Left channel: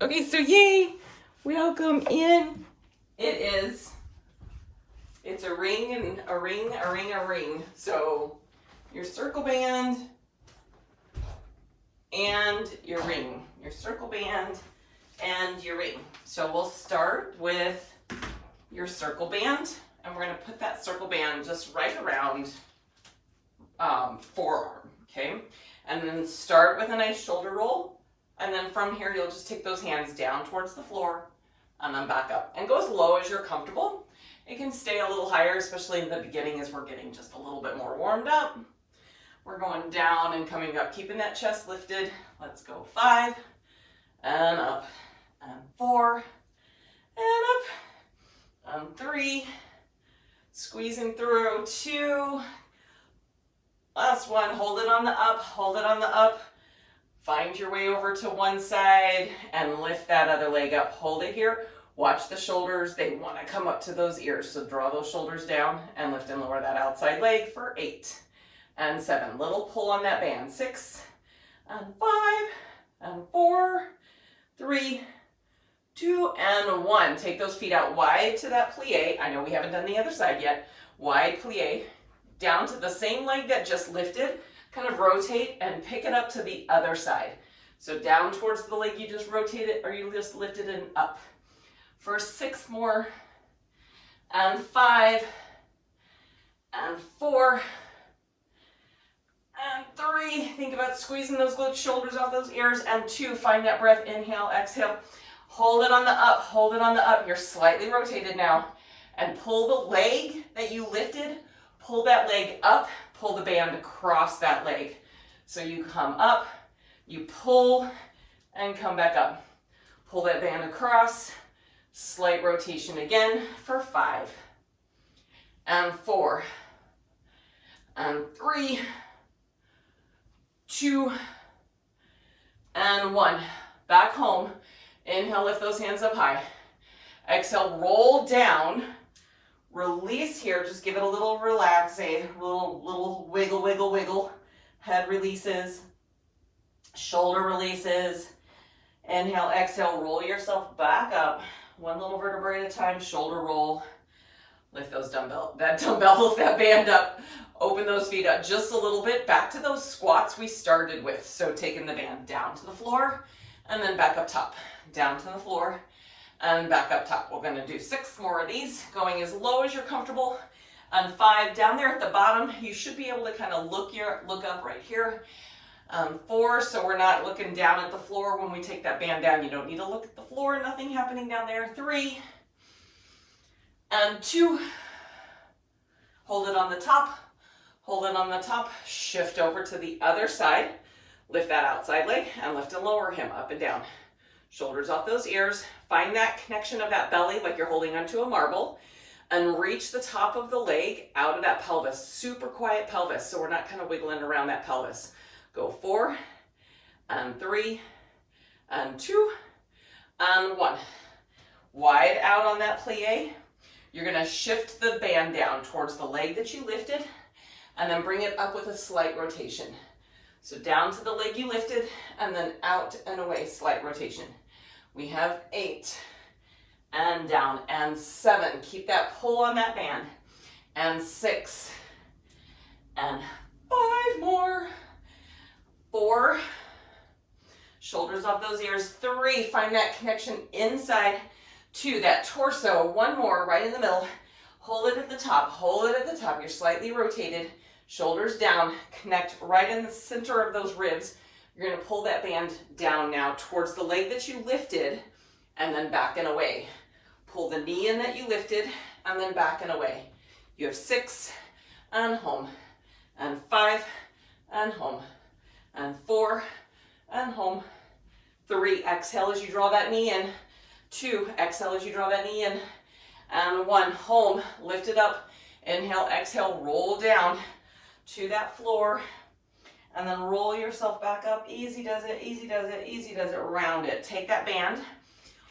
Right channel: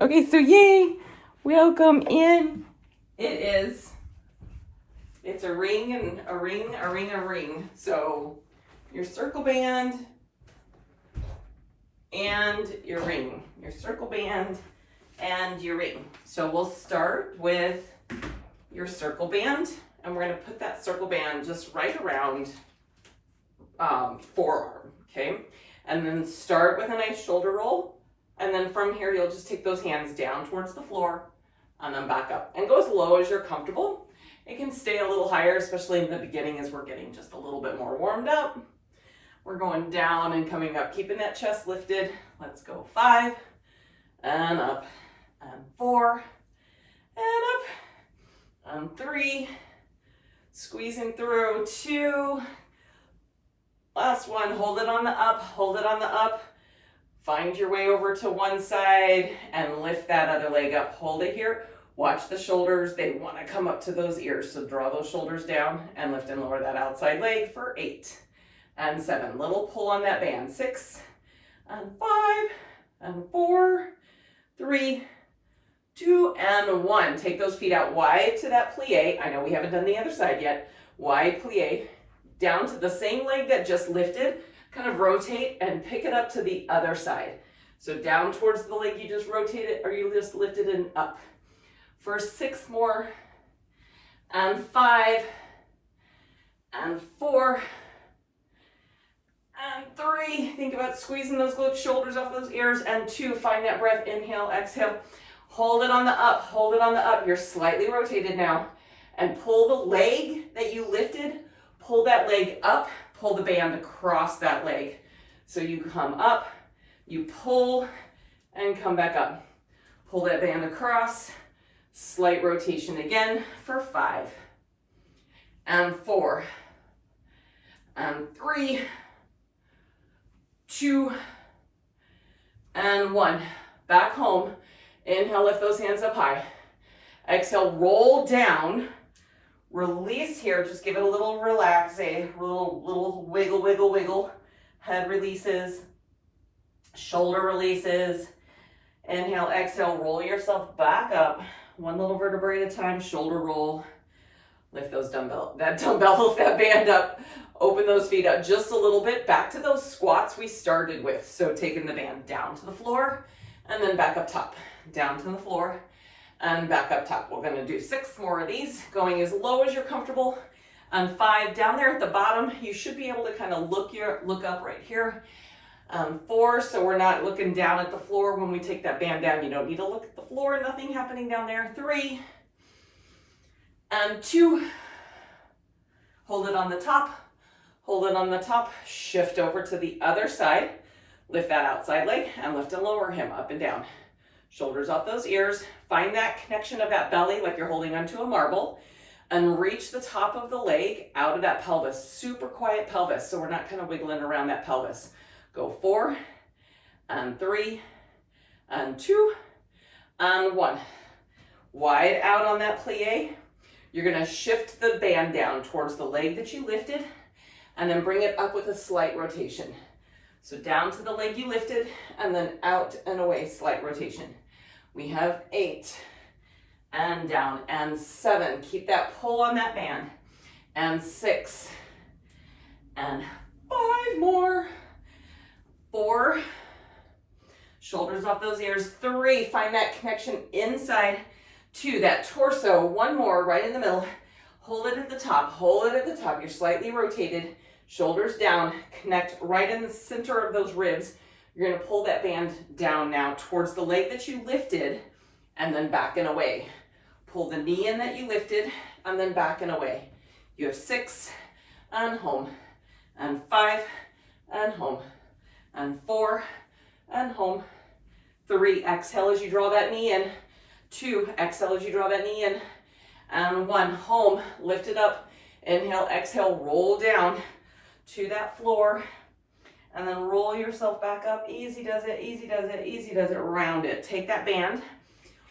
Okay, so yay, welcome in. It's a ring and a ring, a ring, a ring. So your circle band and your ring, your circle band and your ring. So we'll start with your circle band, and we're gonna put that circle band just right around forearm, okay? And then start with a nice shoulder roll. And then from here, you'll just take those hands down towards the floor and then back up. And go as low as you're comfortable. It can stay a little higher, especially in the beginning as we're getting just a little bit more warmed up. We're going down and coming up, keeping that chest lifted. Let's go 5 and up and 4 and up and 3. Squeezing through 2. Last one, hold it on the up, hold it on the up. Find your way over to one side and lift that other leg up. Hold it here. Watch the shoulders. They want to come up to those ears. So draw those shoulders down and lift and lower that outside leg for 8 and 7. Little pull on that band. 6 and 5 and 4, 3, 2, and 1. Take those feet out wide to that plie. I know we haven't done the other side yet. Wide plie. Down to the same leg that just lifted. Kind of rotate and pick it up to the other side. So down towards the leg you just rotated, or you just lifted and up. For 6 more, and 5, and 4, and 3. Think about squeezing those shoulders off those ears, and 2. Find that breath, inhale, exhale. Hold it on the up, hold it on the up. You're slightly rotated now. And pull the leg that you lifted, pull that leg up. Pull the band across that leg. So you come up, you pull, and come back up. Pull that band across, slight rotation again for 5, and 4, and 3, 2, and 1. Back home. Inhale, lift those hands up high. Exhale, roll down. Release here, just give it a little relax, a little wiggle, wiggle, wiggle. Head releases, shoulder releases. Inhale, exhale, roll yourself back up. One little vertebrae at a time, shoulder roll. Lift those lift that band up. Open those feet up just a little bit, back to those squats we started with. So taking the band down to the floor and then back up top, down to the floor. And back up top. We're going to do 6 more of these, going as low as you're comfortable. And 5 down there at the bottom, you should be able to kind of look up right here. 4, so we're not looking down at the floor when we take that band down. You don't need to look at the floor, nothing happening down there. 3 and 2. Hold it on the top. Hold it on the top. Shift over to the other side. Lift that outside leg and lift and lower him up and down. Shoulders off those ears. Find that connection of that belly like you're holding onto a marble, and reach the top of the leg out of that pelvis. Super quiet pelvis, so we're not kind of wiggling around that pelvis. Go 4 and 3 and 2 and 1. Wide out on that plie. You're going to shift the band down towards the leg that you lifted and then bring it up with a slight rotation. So down to the leg you lifted and then out and away, slight rotation. We have 8 and down and 7. Keep that pull on that band. And 6 and 5 more. 4. Shoulders off those ears. 3. Find that connection inside to that torso. 1 more right in the middle. Hold it at the top. Hold it at the top. You're slightly rotated. Shoulders down. Connect right in the center of those ribs. You're going to pull that band down now towards the leg that you lifted and then back and away. Pull the knee in that you lifted and then back and away. You have 6 and home, and 5 and home, and 4 and home. 3, exhale as you draw that knee in. 2, exhale as you draw that knee in. And 1, home, lift it up. Inhale, exhale, roll down to that floor. And then roll yourself back up. Easy does it, easy does it, easy does it. Round it. Take that band.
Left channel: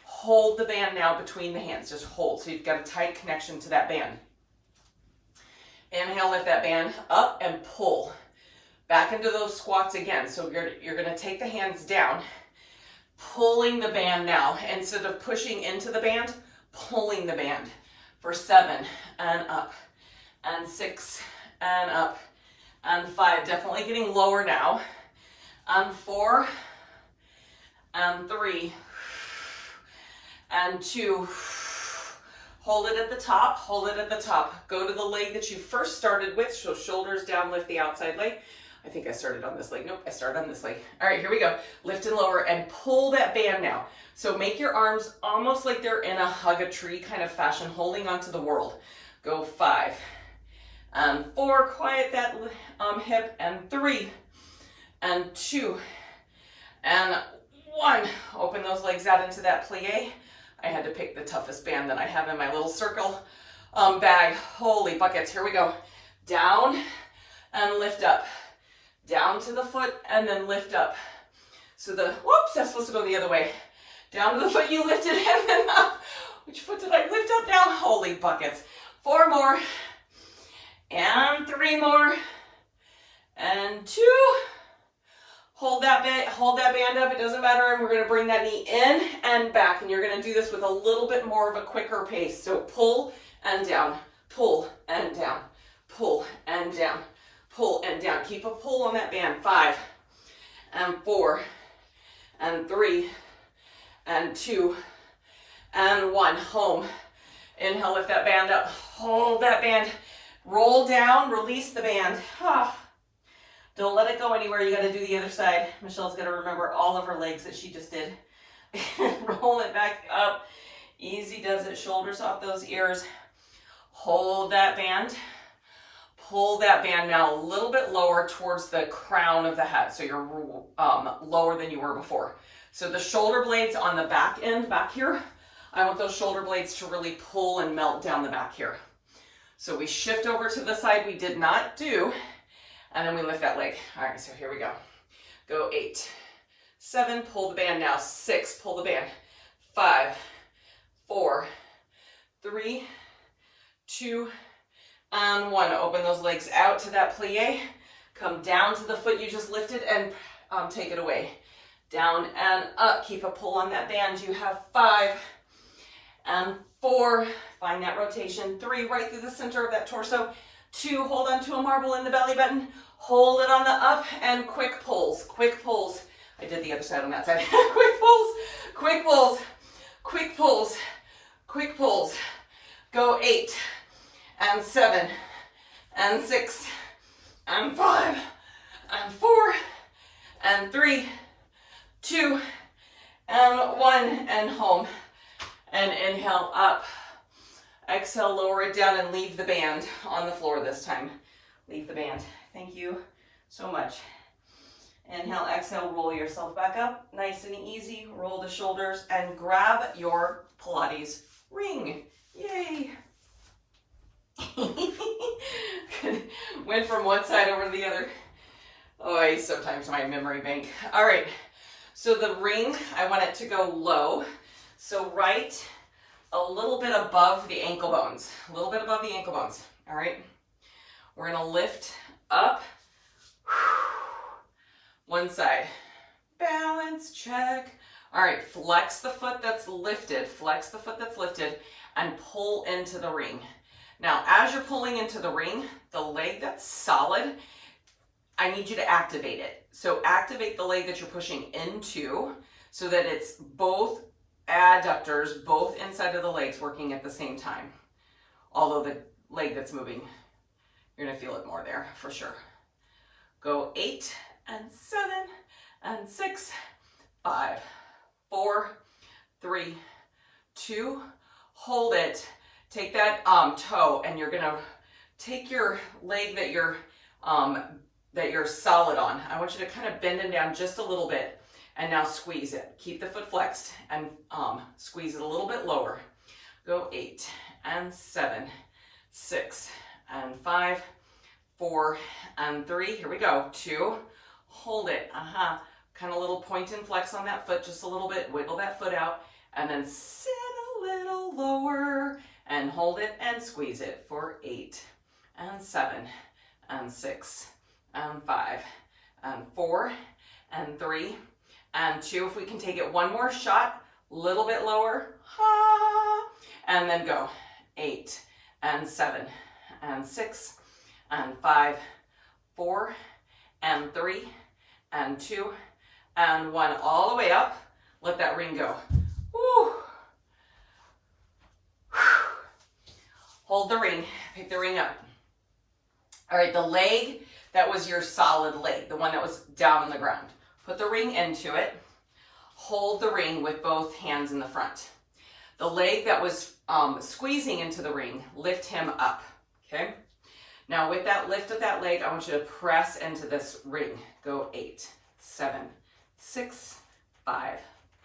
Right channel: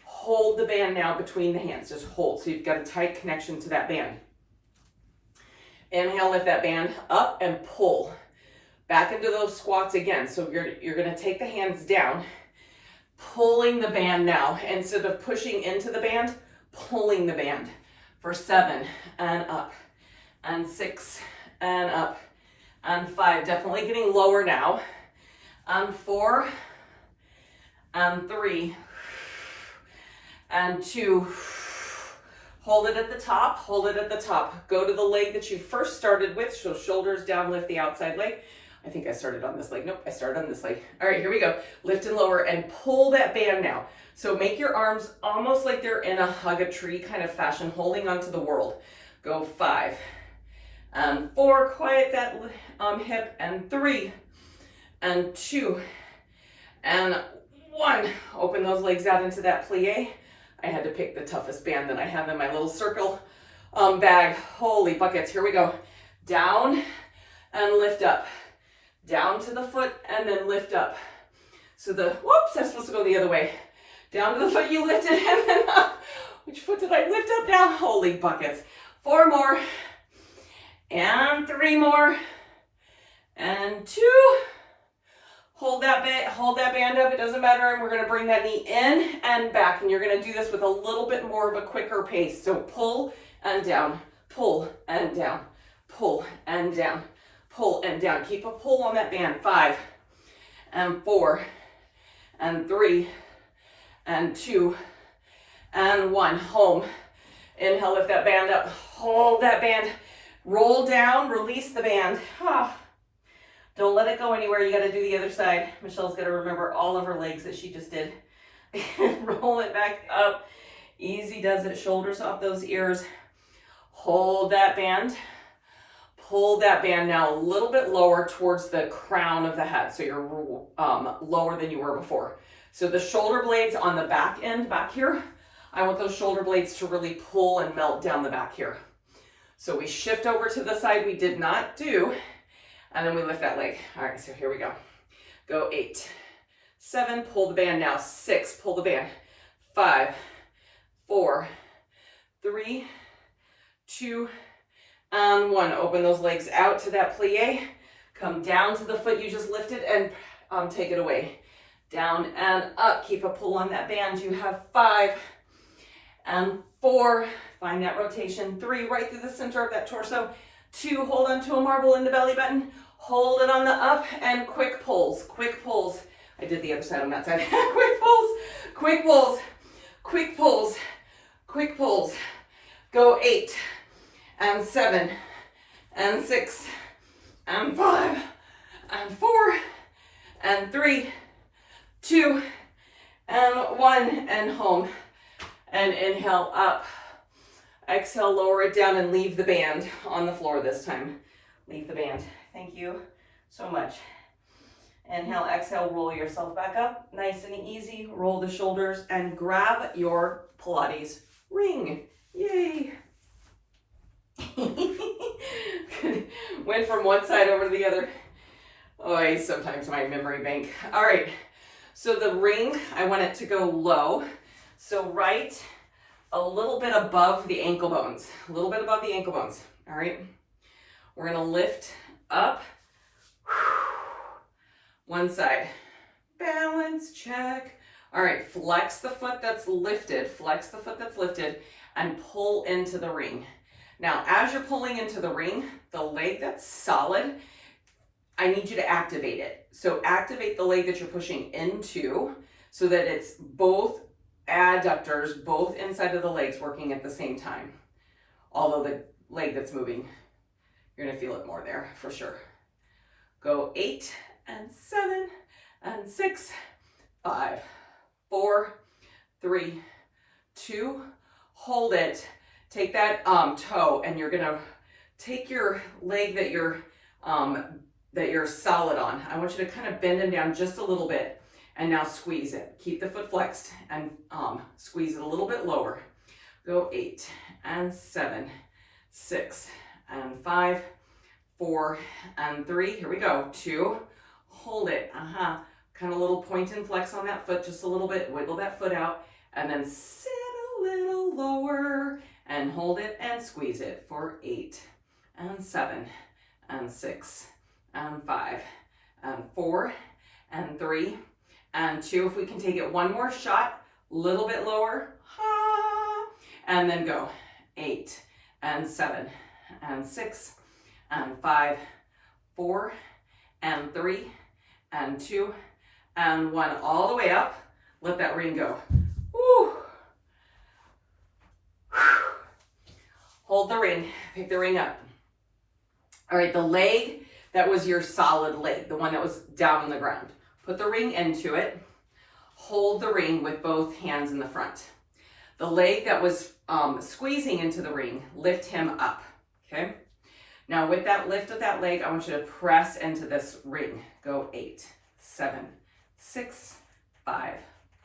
Hold the band now between the hands. Just hold. So you've got a tight connection to that band. Inhale, lift that band up and pull. Back into those squats again. So you're going to take the hands down. pulling the band now. Instead of pushing into the band, pulling the band for 7 and up, and 6 and up, and 5. Definitely getting lower now. And 4 and 3 and 2. Hold it at the top, hold it at the top. Go to the leg that you first started with, so shoulders down, lift the outside leg. I think I started on this leg. Nope, I started on this leg. All right, here we go. Lift and lower and pull that band now. So make your arms almost like they're in a hug a tree kind of fashion, holding onto the world. Go 5 and 4, quiet that hip, and 3 and 2 and 1. Open those legs out into that plie. I had to pick the toughest band that I have in my little circle bag. Holy buckets, here we go. Down and lift up. Down to the foot and then lift up. So whoops, that's supposed to go the other way. Down to the foot you lifted and then up. Which foot did I lift up now? Holy buckets. 4 more. And 3 more. And 2. Hold that band up, it doesn't matter, and we're gonna bring that knee in and back, and you're gonna do this with a little bit more of a quicker pace. So pull and down, pull and down, pull and down, pull and down. Keep a pull on that band. 5 and 4 and 3 and 2 and 1. Home. Inhale, lift that band up, hold that band, roll down, release the band. Don't let it go anywhere. You got to do the other side. Michelle's got to remember all of her legs that she just did. Roll it back up. Easy does it. Shoulders off those ears. Hold that band. Pull that band now a little bit lower towards the crown of the head. So you're lower than you were before. So the shoulder blades on the back end, back here, I want those shoulder blades to really pull and melt down the back here. So we shift over to the side we did not do. And then we lift that leg. All right, so here we go. Go 8, 7, pull the band now. 6, pull the band. 5, 4, 3, 2, and 1. Open those legs out to that plie. Come down to the foot you just lifted and take it away. Down and up. Keep a pull on that band. You have 5 and 4. Find that rotation. 3, right through the center of that torso. 2, hold on to a marble in the belly button. Hold it on the up and quick pulls. Quick pulls. I did the other side on that side. Quick pulls. Quick pulls. Quick pulls. Quick pulls. Go 8 and 7 and 6 and 5 and 4 and 3, 2 and 1 and home. And inhale up. Exhale, lower it down and leave the band on the floor this time. Leave the band. Thank you so much. Inhale, exhale, roll yourself back up. Nice and easy. Roll the shoulders and grab your Pilates ring. Yay. Went from one side over to the other. Oh, sometimes my memory bank. All right. So the ring, I want it to go low. So right a little bit above the ankle bones, a little bit above the ankle bones. All right. We're going to lift up. One side. Balance, check. All right. Flex the foot that's lifted. Flex the foot that's lifted and pull into the ring. Now, as you're pulling into the ring, the leg that's solid, I need you to activate it. So activate the leg that you're pushing into so that it's both adductors, both inside of the legs working at the same time. Although the leg that's moving, you're gonna feel it more there for sure. Go 8 and 7 and 6, 5, 4, 3, 2, hold it. Take that toe and you're gonna take your leg that you're solid on. I want you to kind of bend it down just a little bit. And now squeeze it. Keep the foot flexed and squeeze it a little bit lower. Go 8 and 7, 6 and 5, 4 and 3. Here we go. 2. Hold it. Kind of little point and flex on that foot just a little bit. Wiggle that foot out and then sit a little lower and hold it and squeeze it for 8 and 7 and 6 and 5 and 4 and 3 and 2. If we can take it one more shot, a little bit lower, and then go 8 and 7 and 6 and 5, 4 and 3 and 2 and 1, all the way up. Let that ring go. Woo. Hold the ring, pick the ring up. All right, the leg that was your solid leg, the one that was down on the ground. Put the ring into it. Hold the ring with both hands in the front. The leg that was squeezing into the ring, lift him up, okay? Now with that lift of that leg, I want you to press into this ring. Go 8, 7, 6, 5,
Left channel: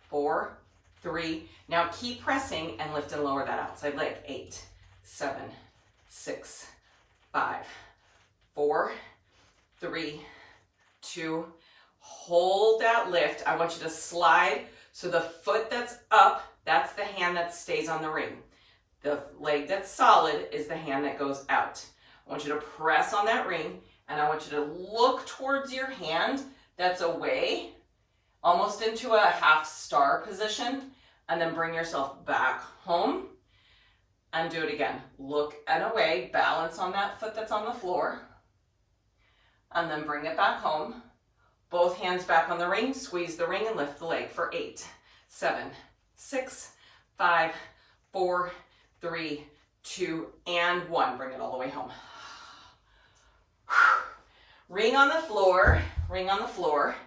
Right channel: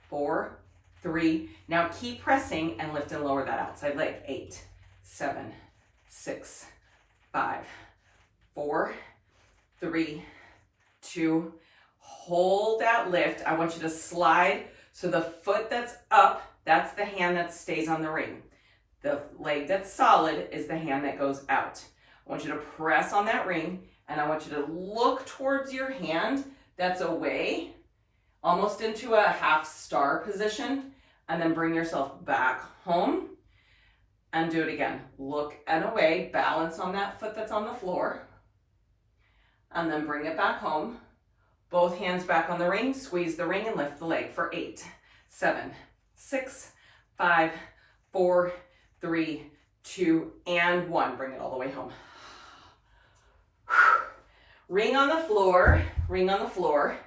4, 3. Now keep pressing and lift and lower that outside leg. 8, 7, 6, 5, 4, 3, 2. Hold that lift. I want you to slide. So the foot that's up, that's the hand that stays on the ring. The leg that's solid is the hand that goes out. I want you to press on that ring, and I want you to look towards your hand that's away, almost into a half star position, and then bring yourself back home and do it again. Look and away, balance on that foot that's on the floor, and then bring it back home. Both hands back on the ring, squeeze the ring and lift the leg for 8, 7, 6, 5, 4, 3, 2, and 1. Bring it all the way home. Ring on the floor, ring on the floor.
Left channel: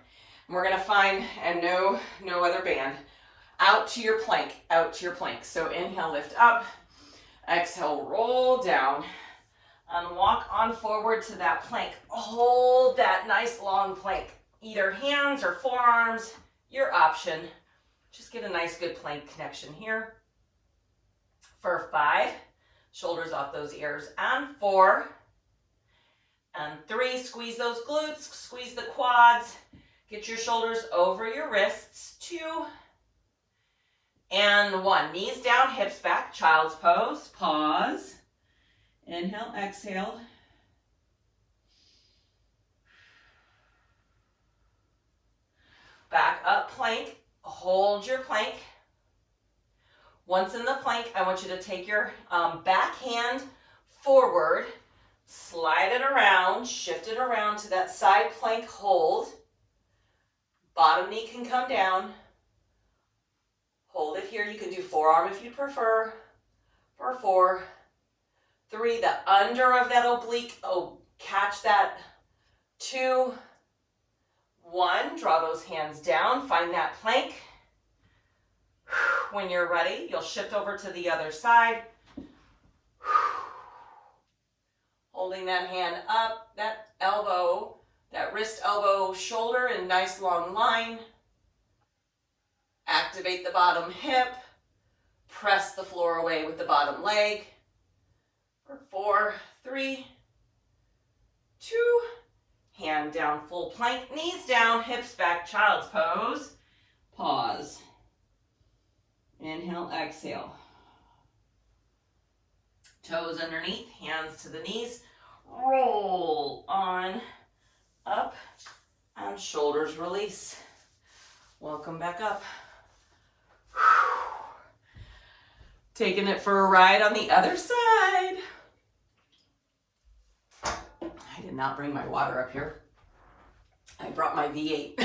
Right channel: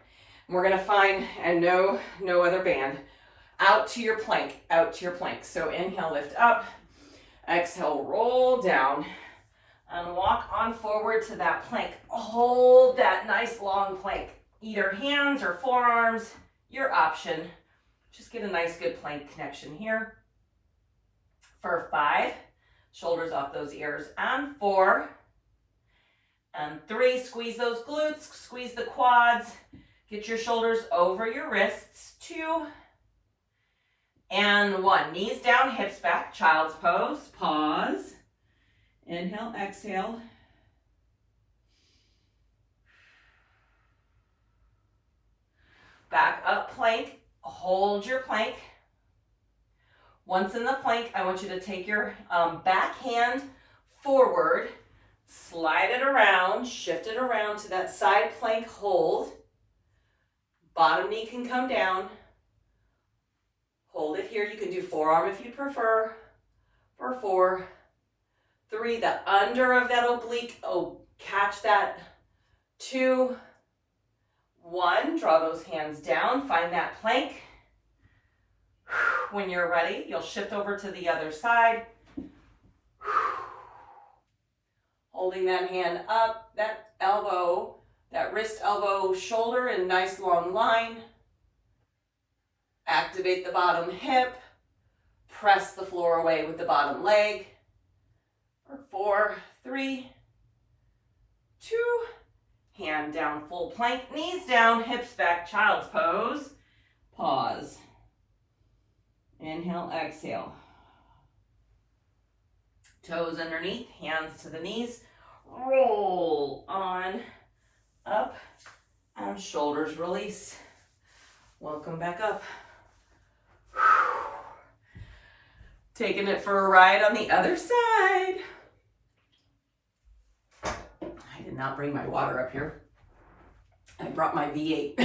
And we're gonna find, and no other band, out to your plank, out to your plank. So inhale, lift up, exhale, roll down, and walk on forward to that plank. Hold that nice long plank. Either hands or forearms, your option. Just get a nice good plank connection here. For 5, shoulders off those ears, and 4, and 3, squeeze those glutes, squeeze the quads, get your shoulders over your wrists. 2, and 1. Knees down, hips back, child's pose, pause. Inhale, exhale. Back up, plank, hold your plank. Once in the plank, I want you to take your back hand forward, slide it around, shift it around to that side plank hold. Bottom knee can come down. Hold it here. You can do forearm if you prefer. For 4, 3, the under of that oblique, catch that. 2, 1, draw those hands down, find that plank. When you're ready, you'll shift over to the other side. Holding that hand up, that elbow, that wrist, elbow, shoulder in nice long line. Activate the bottom hip. Press the floor away with the bottom leg. For 4, 3, 2, hand down, full plank, knees down, hips back, child's pose. Pause. Inhale, exhale. Toes underneath, hands to the knees. Roll on up and shoulders release. Welcome back up. Taking it for a ride on the other side. I did not bring my water up here. I brought my V8.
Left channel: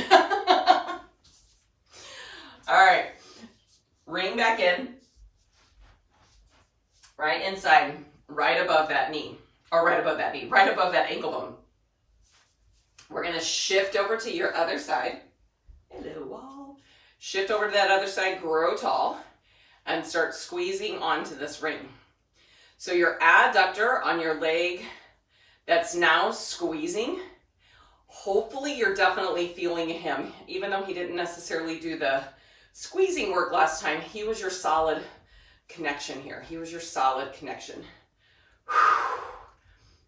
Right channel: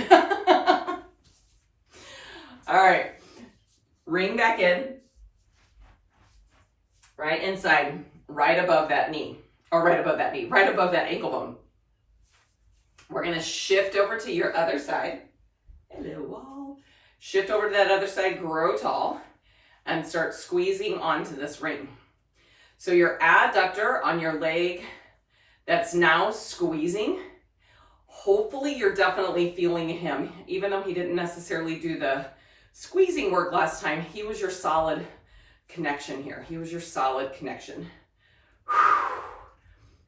All right, ring back in, right inside, right above that knee, or right above that knee, right above that ankle bone. We're gonna shift over to your other side. Hello, wall. Shift over to that other side, grow tall, and start squeezing onto this ring. So your adductor on your leg that's now squeezing, hopefully you're definitely feeling him, even though he didn't necessarily do the squeezing work last time. He was your solid connection here. He was your solid connection.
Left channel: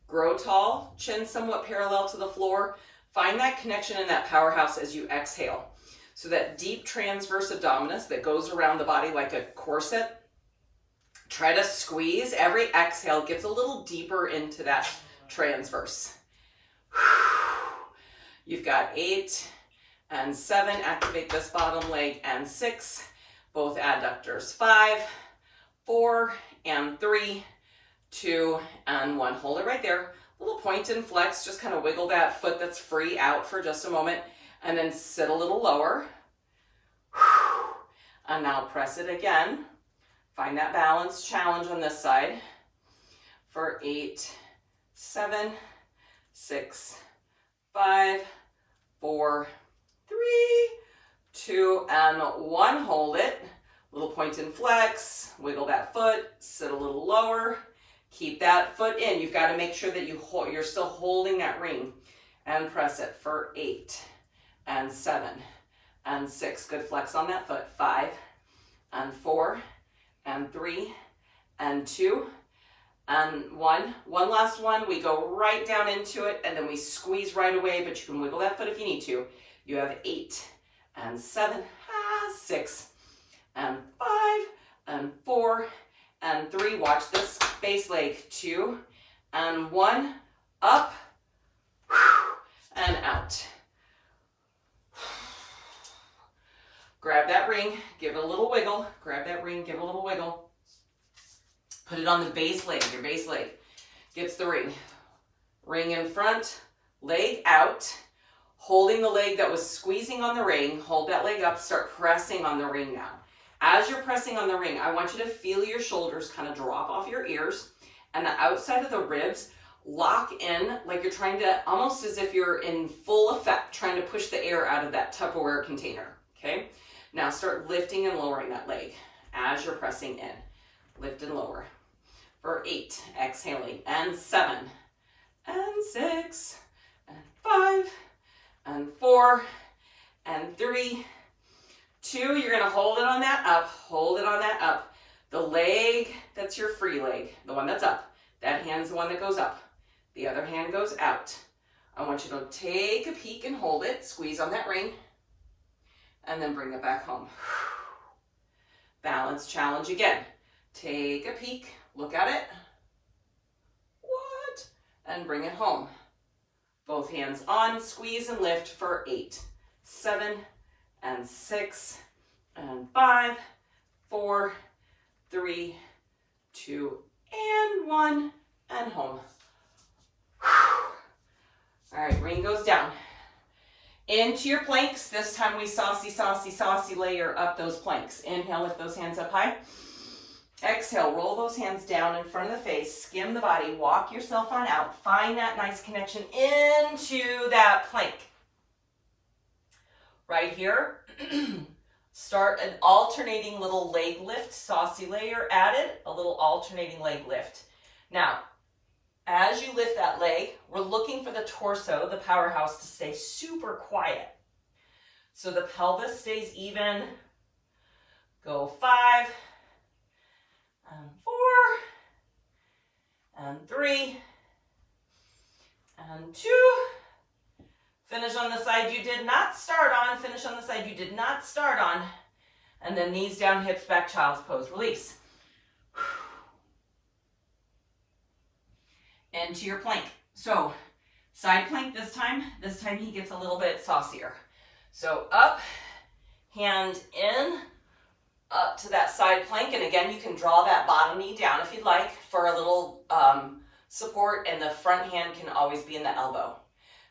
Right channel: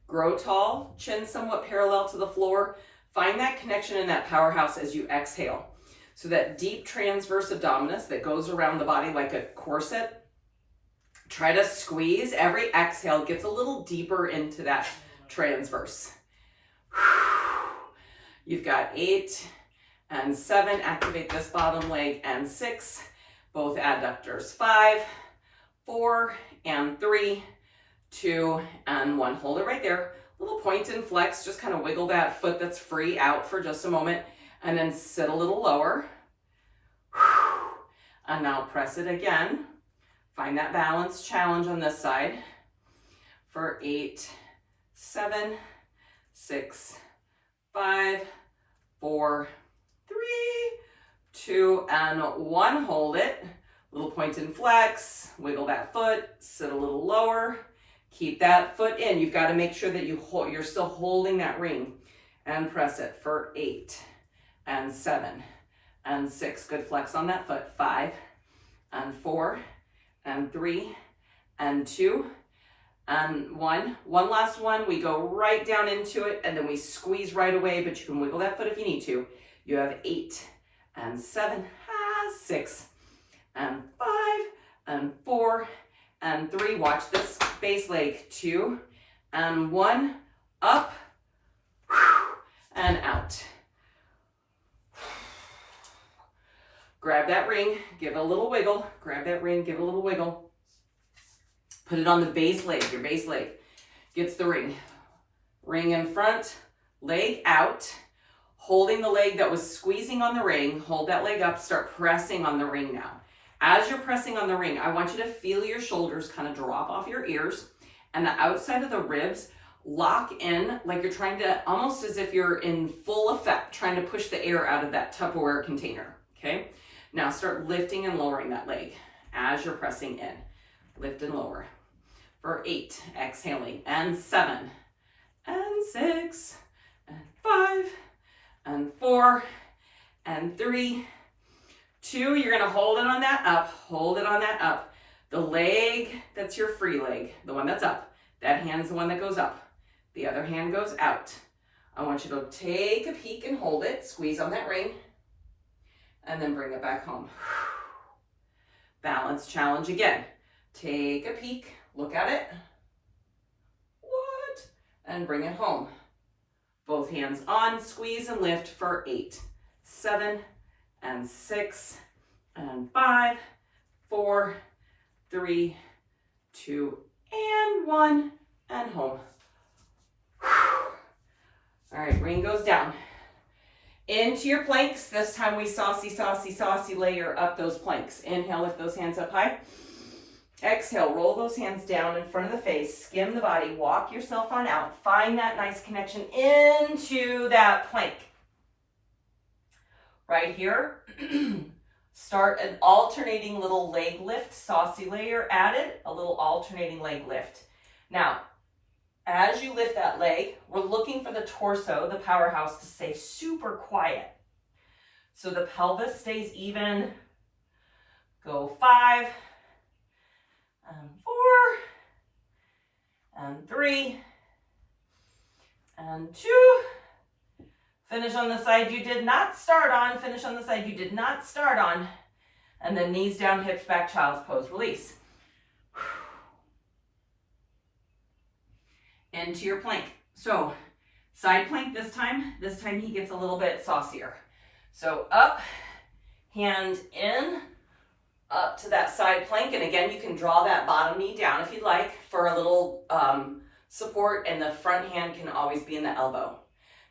Grow tall, chin somewhat parallel to the floor. Find that connection in that powerhouse as you exhale. So that deep transverse abdominis that goes around the body like a corset. Try to squeeze. Every exhale gets a little deeper into that transverse. You've got 8 and 7. Activate this bottom leg, and 6. Both adductors. 5, 4, and 3, 2, and 1. Hold it right there. Little point and flex. Just kind of wiggle that foot that's free out for just a moment, and then sit a little lower. And now press it again. Find that balance challenge on this side for 8, 7, 6, 5, 4, 3, 2, and 1. Hold it. Little point and flex. Wiggle that foot. Sit a little lower. Keep that foot in. You've got to make sure that you're still holding that ring. And press it for 8, and 7, and 6. Good flex on that foot. 5, and 4, and 3, and 2, and 1. One last one. We go right down into it, and then we squeeze right away, but you can wiggle that foot if you need to. You have 8, and 7, 6, and 5, and 4, and 3. Watch this base leg. 2, and 1. Up, and out. Grab that ring, give it a little wiggle. Grab that ring, give it a little wiggle. Put it on the base leg. Your base leg gets the ring. Ring in front, leg out. Holding the leg that was squeezing on the ring, hold that leg up, start pressing on the ring now. As you're pressing on the ring, I want you to feel your shoulders kind of drop off your ears, and the outside of the ribs lock in like you're trying to, almost as if you're in full effect, trying to push the air out of that Tupperware container, okay? Now start lifting and lowering that leg as you're pressing in. Lift and lower. For 8, exhaling, and 7, and 6, and 5, and 4, and 3, 2. You're gonna hold it on that up, hold it on that up. The leg that's your free leg, the one that's up, that hand's the one that goes up. The other hand goes out. I want you to take a peek and hold it, squeeze on that ring, and then bring it back home. Balance challenge again. Take a peek, look at it. What? And bring it home. Both hands on, squeeze and lift for 8, 7, and 6, and 5, 4, 3, 2, and 1, and home. All right, ring goes down. Into your planks. This time we saucy, saucy, saucy layer up those planks. Inhale, lift those hands up high. Exhale, roll those hands down in front of the face. Skim the body, walk yourself on out. Find that nice connection into that plank. Right here, start an alternating little leg lift, saucy layer added, a little alternating leg lift. Now, as you lift that leg, we're looking for the torso, the powerhouse, to stay super quiet. So the pelvis stays even. Go 5, and 4, and 3, and 2. Finish on the side you did not start on. Finish on the side you did not start on. And then knees down, hips back, child's pose. Release. Into your plank. So side plank this time. This time he gets a little bit saucier. So up, hand in, up to that side plank. And again, you can draw that bottom knee down if you'd like for a little support, and the front hand can always be in the elbow.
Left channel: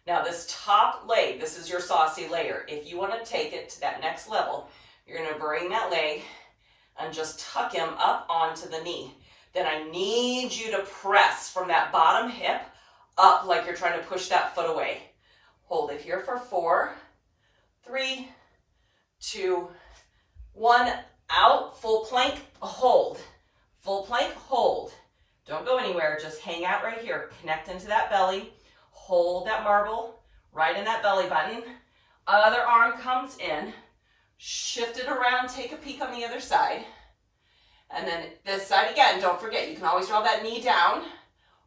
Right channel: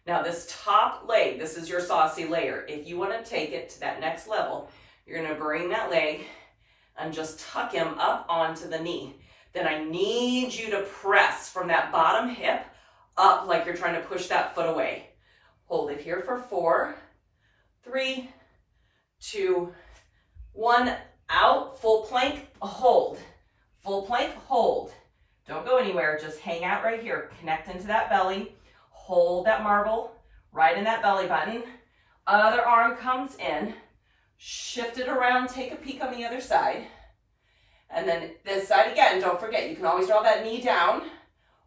Now this top leg, this is your saucy layer. If you want to take it to that next level, you're going to bring that leg and just tuck him up onto the knee. Then I need you to press from that bottom hip up like you're trying to push that foot away. Hold it here for 4, 3, 2, 1. Out, full plank, hold. Full plank, hold. Don't go anywhere, just hang out right here. Connect into that belly. Hold that marble right in that belly button. Other arm comes in. Shift it around, take a peek on the other side. And then this side again, don't forget, you can always draw that knee down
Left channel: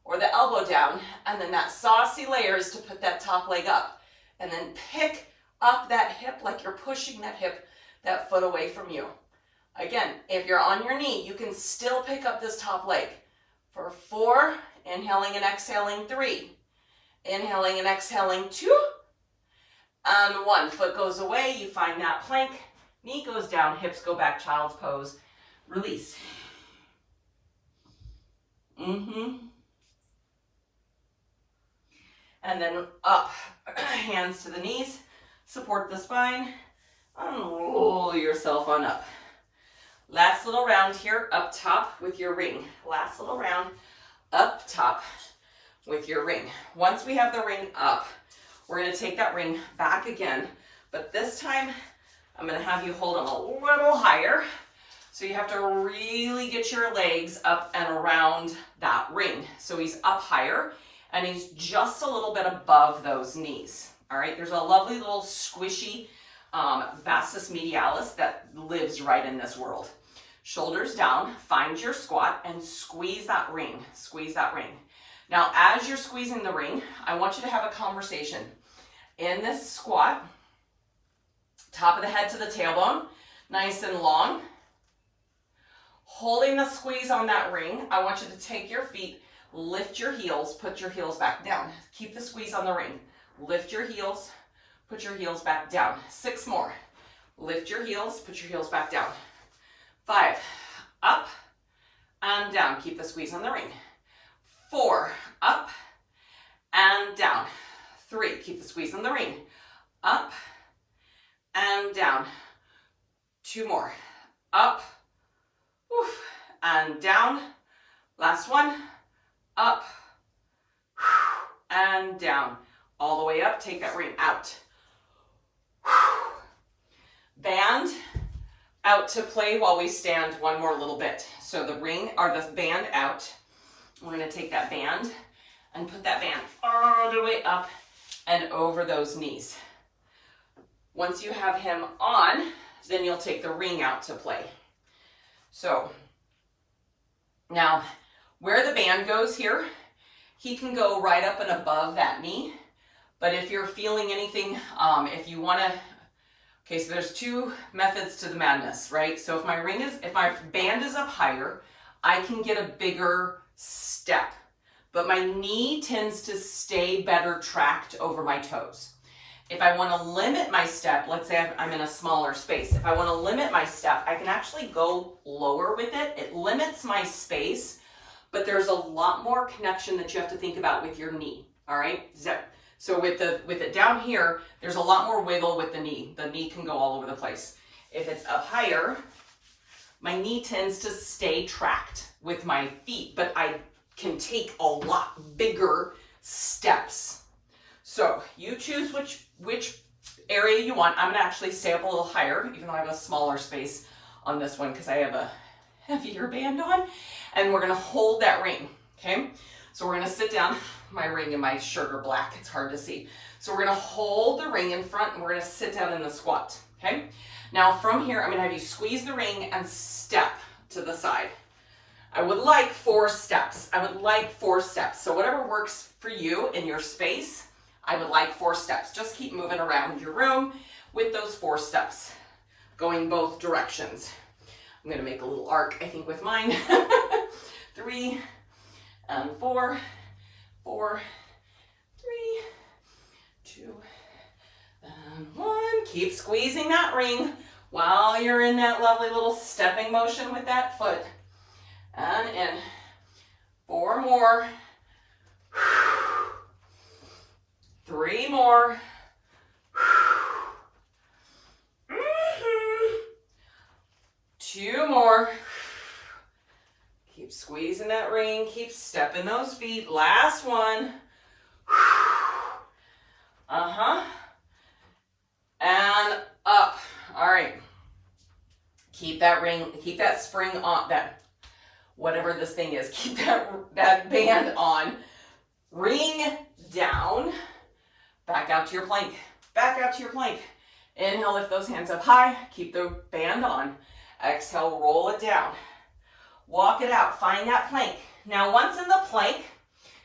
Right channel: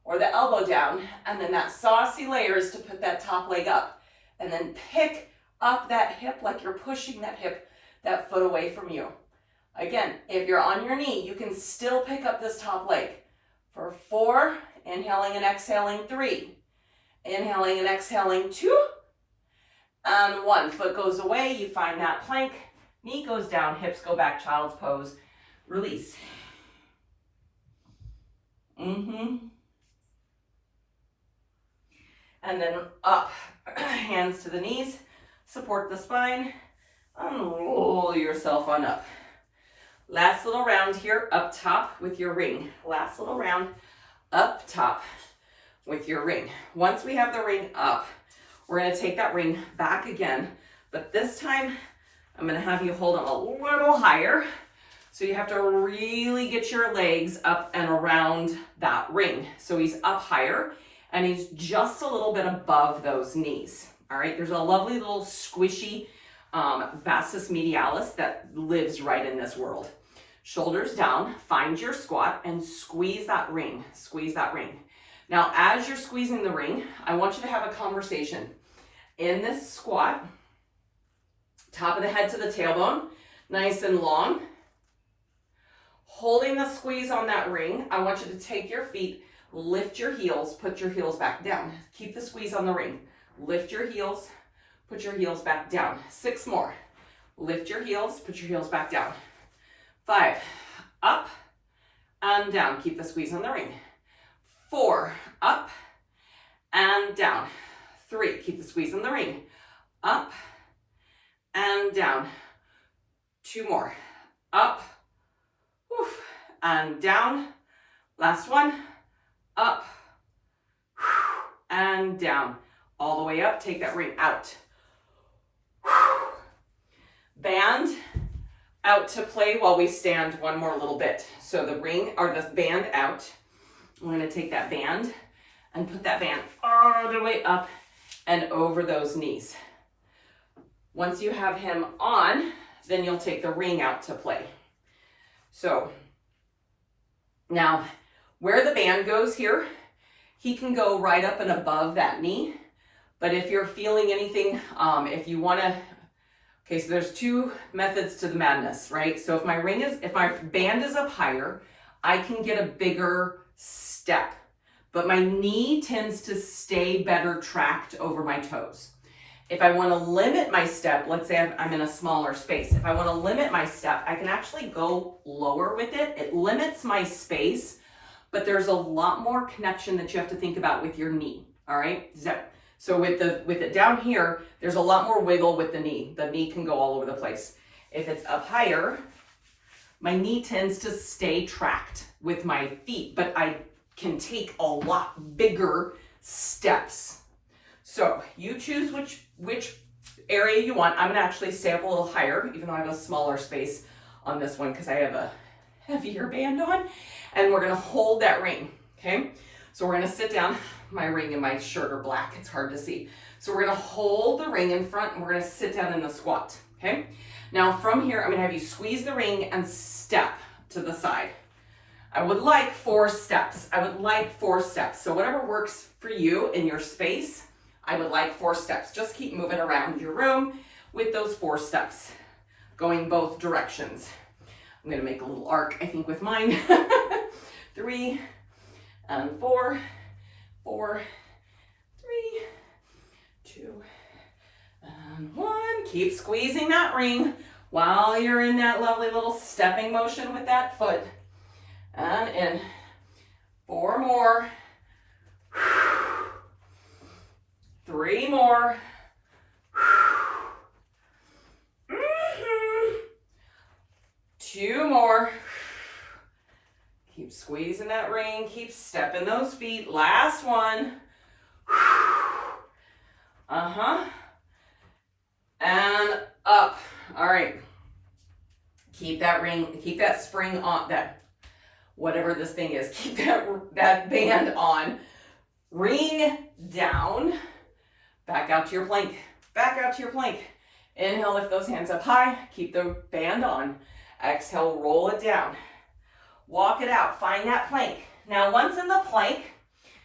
or the elbow down. And then that saucy layer is to put that top leg up. And then pick up that hip like you're pushing that hip, that foot away from you. Again, if you're on your knee, you can still pick up this top leg. For 4, inhaling and exhaling, 3. Inhaling and exhaling, 2. And 1 foot goes away, you find that plank, knee goes down, hips go back, child's pose, release. And then up, hands to the knees, support the spine, and roll yourself on up. Last little round here, up top with your ring. Last little round, up top with your ring. Once we have the ring up, we're gonna take that ring back again, but this time I'm gonna have you hold them a little higher. So you have to really get your legs up and around that ring. So he's up higher and he's just a little bit above those knees. All right, there's a lovely little squishy vastus medialis that lives right in this world. Shoulders down, find your squat and squeeze that ring, squeeze that ring. Now, as you're squeezing the ring, I want you to have a conversation. In this squat, top of the head to the tailbone, nice and long. Holding the squeeze on that ring, I want you to take your feet, lift your heels, put your heels back down. Keep the squeeze on the ring. Lift your heels, put your heels back down. 6 more. Lift your heels, put your heels back down. 5, up and down. Keep the squeeze on the ring. 4, up and down. 3, keep the squeeze on the ring. Up and down. 2 more. Up, oof, and down. Last one. Up and down. All the way up. Take that ring out. Band out to play while we stand one more little bit. So the ring or the band out. I'm going to take that band and put that band all the way up and over those knees. Once you have him on, then you'll take the ring out to play. So now where the band goes here, he can go right up and above that knee. But if you're feeling anything, if you want to, okay, so there's 2 methods to the madness, right? So if my band is up higher, I can get a bigger step, but my knee tends to stay better tracked over my toes. If I want to limit my step, let's say I'm in a smaller space. If I want to limit my step, I can actually go lower with it. It limits my space, but there's a lot more connection that you have to think about with your knee, all right? So with it down here, there's a lot more wiggle with the knee. The knee can go all over the place. If it's up higher, my knee tends to stay tracked with my feet, but I can take a lot bigger steps. So you choose which area you want. I'm gonna actually stay up a little higher, even though I have a smaller space on this one because I have a heavier band on. And we're gonna hold that ring, okay? So we're gonna sit down. My ring and my shirt are black, it's hard to see. So we're gonna hold the ring in front and we're gonna sit down in the squat, okay? Now from here, I'm gonna have you squeeze the ring and step to the side. I would like 4 steps. I would like 4 steps. So whatever works for you in your space, I would like 4 steps. Just keep moving around your room with those 4 steps, going both directions. I'm gonna make a little arc, I think, with mine. 3 and 4, 4, 3, 2, and 1. Keep squeezing that ring while you're in that lovely little stepping motion with that foot. And in. 4 more. 3 more. 2 more. Keep squeezing that ring. Keep stepping those feet. Last one. And up. All right. Keep that ring, keep that spring on, that whatever this thing is, keep that band on. Ring down. Back out to your plank. Back out to your plank. Inhale, lift those hands up high. Keep the band on. Exhale, roll it down. Walk it out. Find that plank. Now, once in the plank,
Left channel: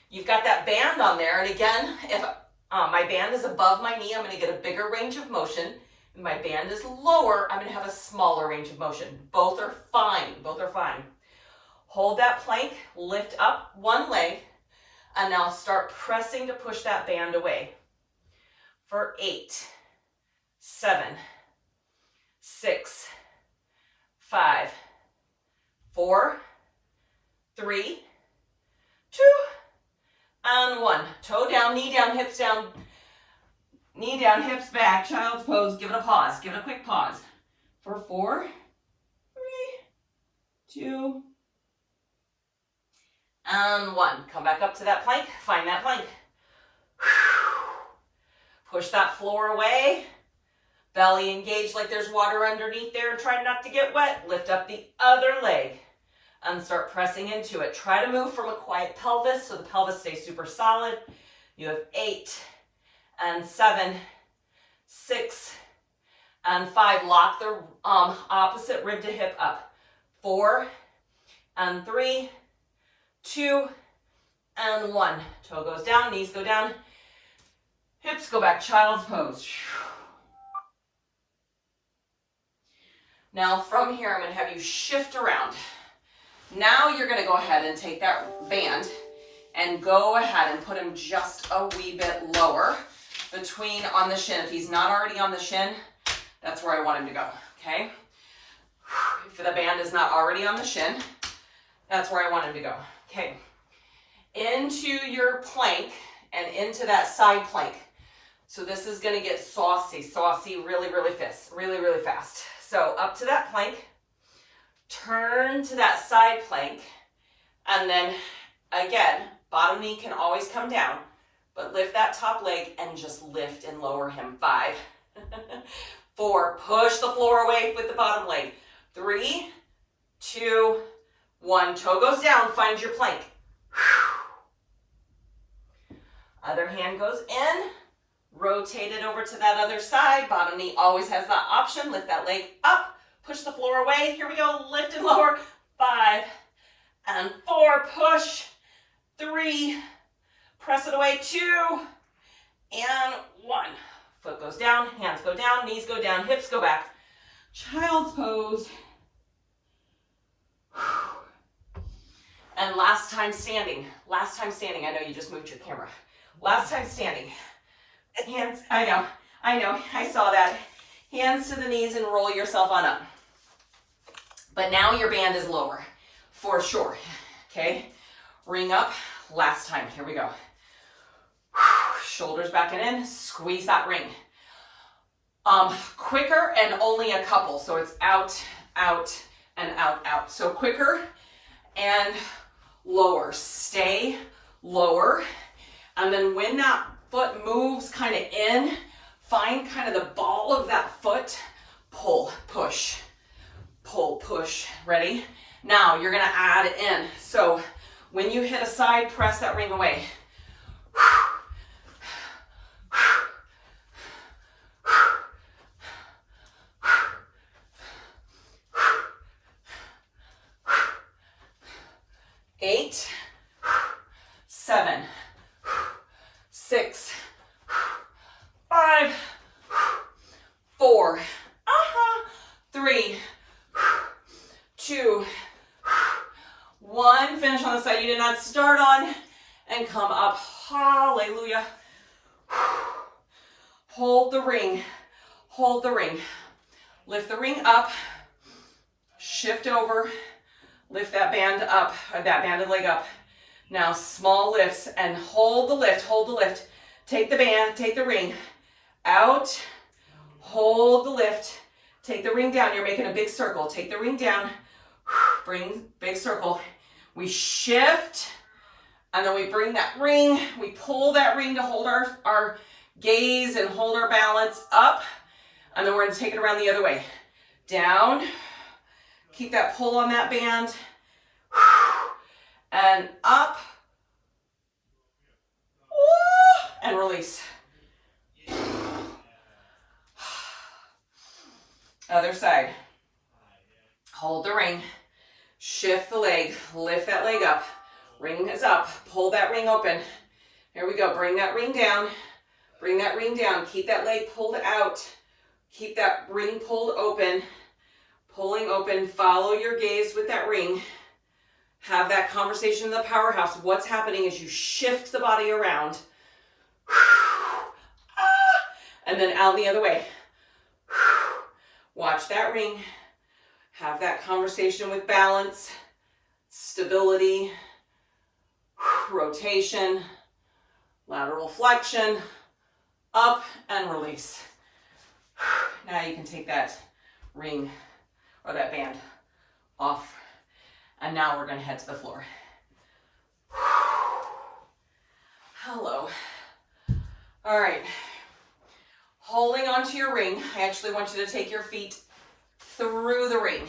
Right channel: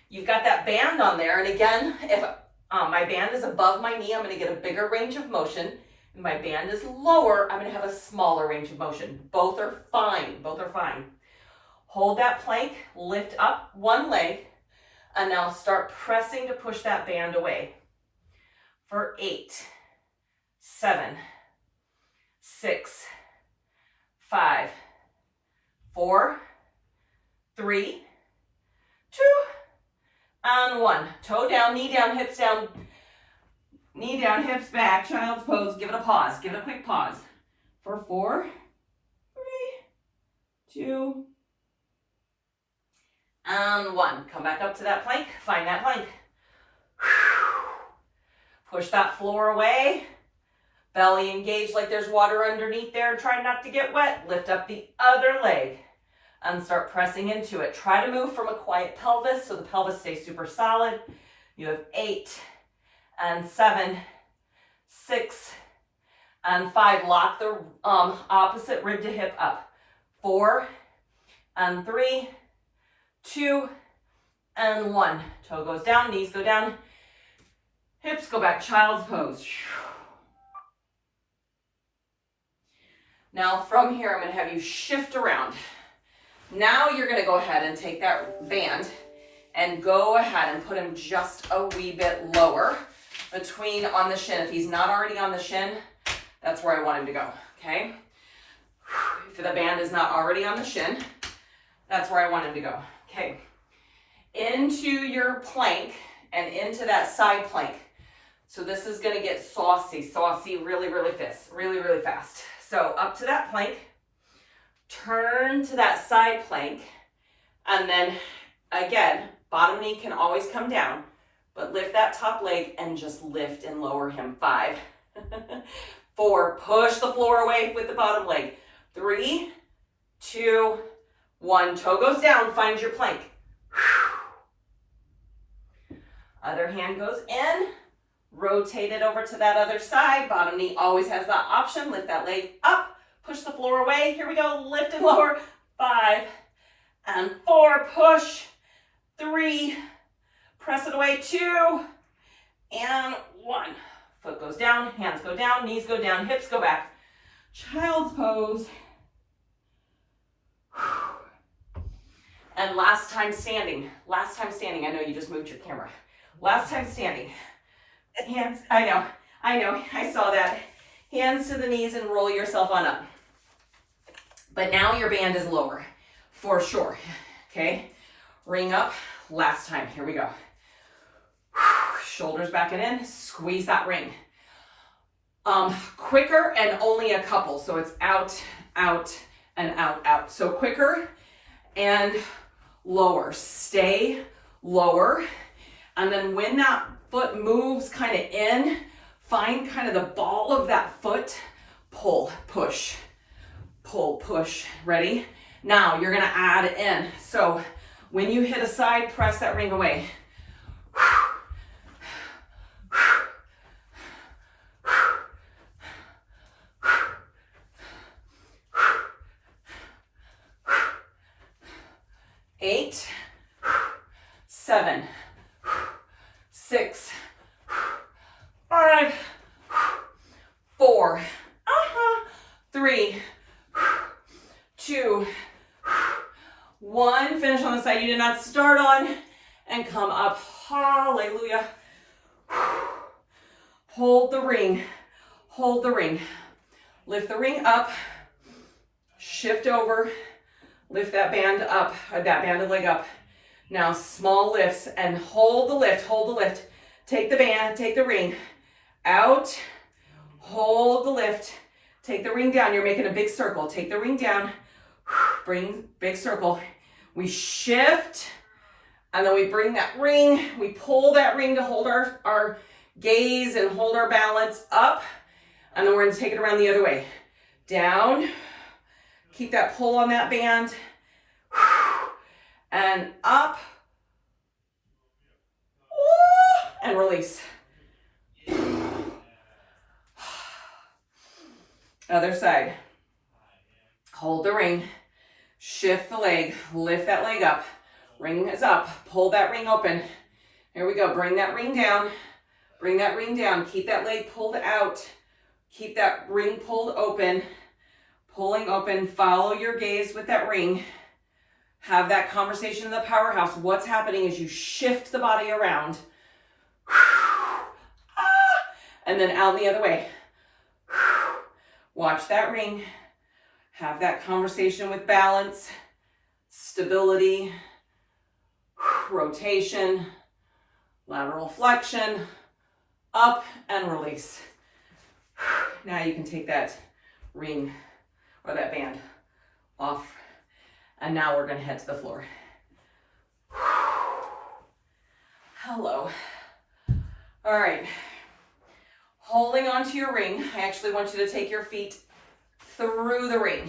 you've got that band on there. And again, if my band is above my knee, I'm going to get a bigger range of motion. If my band is lower, I'm going to have a smaller range of motion. Both are fine. Both are fine. Hold that plank. Lift up one leg. And now start pressing to push that band away. For 8, 7, 6, 5, 4, 3, 2, and 1. Toe down, knee down, hips down. Knee down, hips back, child's pose. Give it a pause. Give it a quick pause. For 4, 3, 2, and 1. Come back up to that plank. Find that plank. Push that floor away. Belly engaged like there's water underneath there and try not to get wet. Lift up the other leg and start pressing into it. Try to move from a quiet pelvis so the pelvis stays super solid. You have 8 and 7, 6 and 5. Lock the opposite rib to hip up. 4 and 3, 2 and 1. Toe goes down, knees go down, hips go back, child's pose. Now from here, I'm going to have you shift around. Now you're going to go ahead and take that band and go ahead and put him just a wee bit lower between on the shin. If he's not already on the shin, that's where I want him to go, okay? If the band is not already on the shin, that's where I want him to go, okay? Into your plank and into that side plank. So this is going to get saucy really, really fast. So up to that plank, turn to that side plank, and then again, bottom knee can always come down, but lift that top leg and just lift and lower him. 5, 4, push the floor away with the bottom leg. 3, 2, 1, toe goes down, find your plank. Other hand goes in, rotate it over to that other side. Bottom knee always has that option. Lift that leg up, push the floor away. Here we go, lift and lower. 5 and 4, push. 3, press it away. 2 and 1. Foot goes down, hands go down, knees go down, hips go back. Child's pose. And last time standing. I know you just moved your camera. Last time standing. Hands, I know, I saw that. Hands to the knees and roll yourself on up. But now your band is lower, for sure, okay? Ring up, last time, here we go. Shoulders back and in, squeeze that ring. Quicker and only a couple, so it's out, out, and out, out. So quicker and lower, stay lower. And then when that foot moves kind of in, find kind of the ball of that foot, pull, push, pull, push. Ready? Now you're gonna add in. So when you hit a side, press that ring away. 8, 7, 6, 5, 4, 3, 2, 1. Finish on the side you did not start on and come up. Hallelujah. Hold the ring. Hold the ring. Lift the ring up. Shift over. Lift that band up, or that banded leg up. Now small lifts and hold the lift, hold the lift. Take the band, take the ring out, hold the lift, take the ring down. You're making a big circle. Take the ring down, bring big circle. We shift and then we bring that ring, we pull that ring to hold our gaze and hold our balance up. And then we're gonna take it around the other way. Down. Keep that pull on that band. And up. And release. Other side. Hold the ring. Shift the leg. Lift that leg up. Ring is up. Pull that ring open. Here we go. Bring that ring down. Bring that ring down. Keep that leg pulled out. Keep that ring pulled open. Pulling open, follow your gaze with that ring. Have that conversation in the powerhouse. What's happening is you shift the body around. And then out the other way. Watch that ring. Have that conversation with balance, stability, rotation, lateral flexion, up and release. Now you can take that ring or that band off. And now we're going to head to the floor. Hello. All right. Holding onto your ring, I actually want you to take your feet through the ring.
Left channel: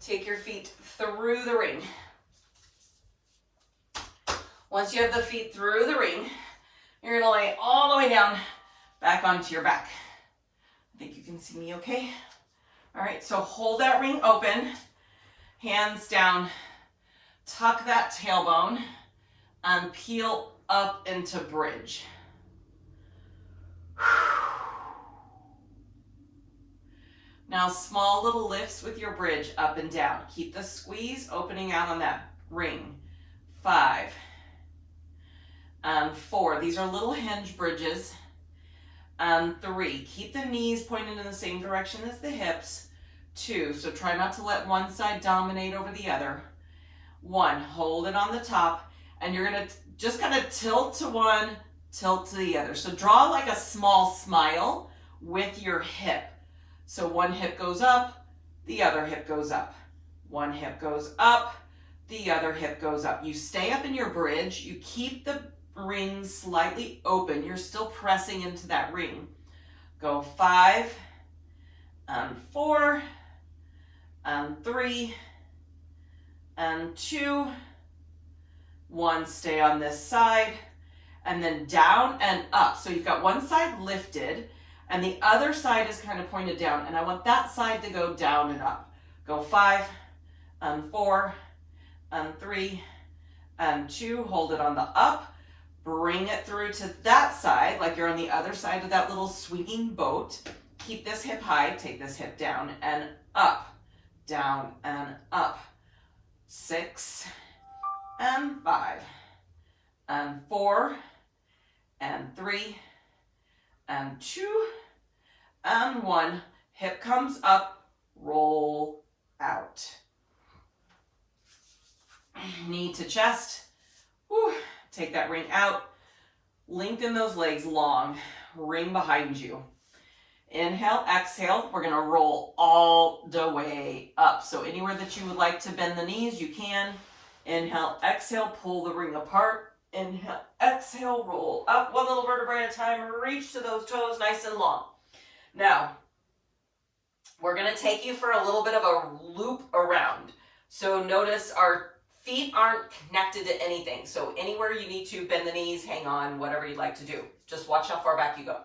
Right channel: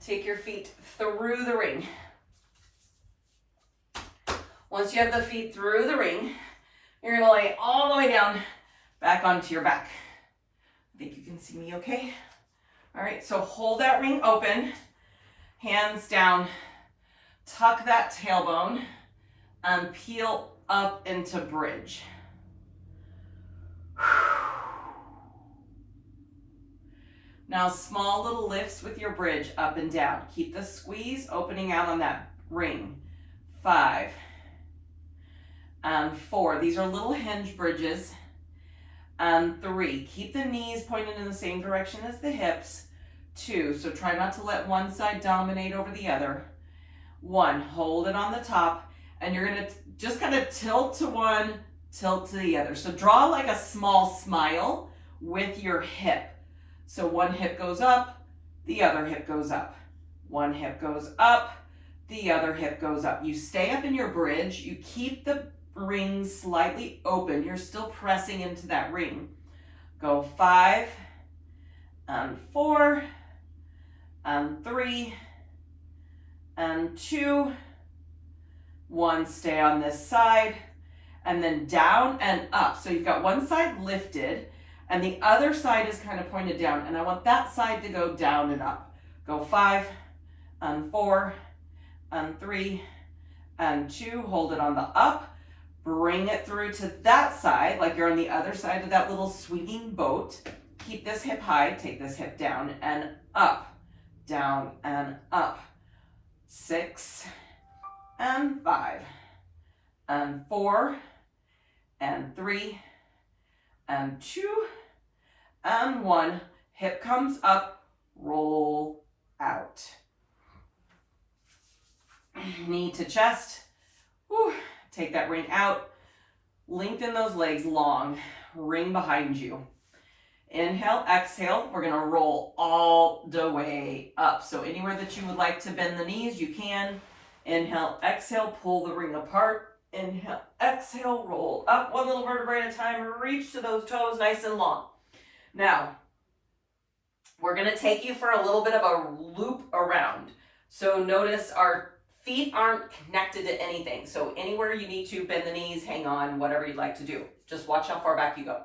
Take your feet through the ring. Once you have the feet through the ring, you're going to lay all the way down, back onto your back. I think you can see me okay. All right, so hold that ring open, hands down, tuck that tailbone, and peel up into bridge. Now, small little lifts with your bridge up and down. Keep the squeeze opening out on that ring. 5 and 4. These are little hinge bridges. And 3. Keep the knees pointed in the same direction as the hips. 2. So try not to let one side dominate over the other. 1. Hold it on the top. And you're going to just kind of tilt to one, tilt to the other. So draw like a small smile with your hip. So one hip goes up, the other hip goes up. One hip goes up, the other hip goes up. You stay up in your bridge. You keep the ring slightly open. You're still pressing into that ring. Go 5 and 4 and 3 and 2. 1, stay on this side, and then down and up. So you've got one side lifted, and the other side is kind of pointed down, and I want that side to go down and up. Go 5 and 4 and 3 and 2. Hold it on the up. Bring it through to that side, like you're on the other side of that little swinging boat. Keep this hip high, take this hip down and up, down and up. 6 and 5 and 4 and 3 and 2 and 1. Hip comes up, roll out. Knee to chest. Whew. Take that ring out. Lengthen those legs long. Ring behind you. Inhale, exhale. We're going to roll all the way up. So anywhere that you would like to bend the knees, you can. Inhale, exhale, pull the ring apart. Inhale, exhale, roll up one little vertebrae at a time. Reach to those toes nice and long. Now, we're going to take you for a little bit of a loop around. So notice our feet aren't connected to anything. So anywhere you need to bend the knees, hang on, whatever you'd like to do. Just watch how far back you go.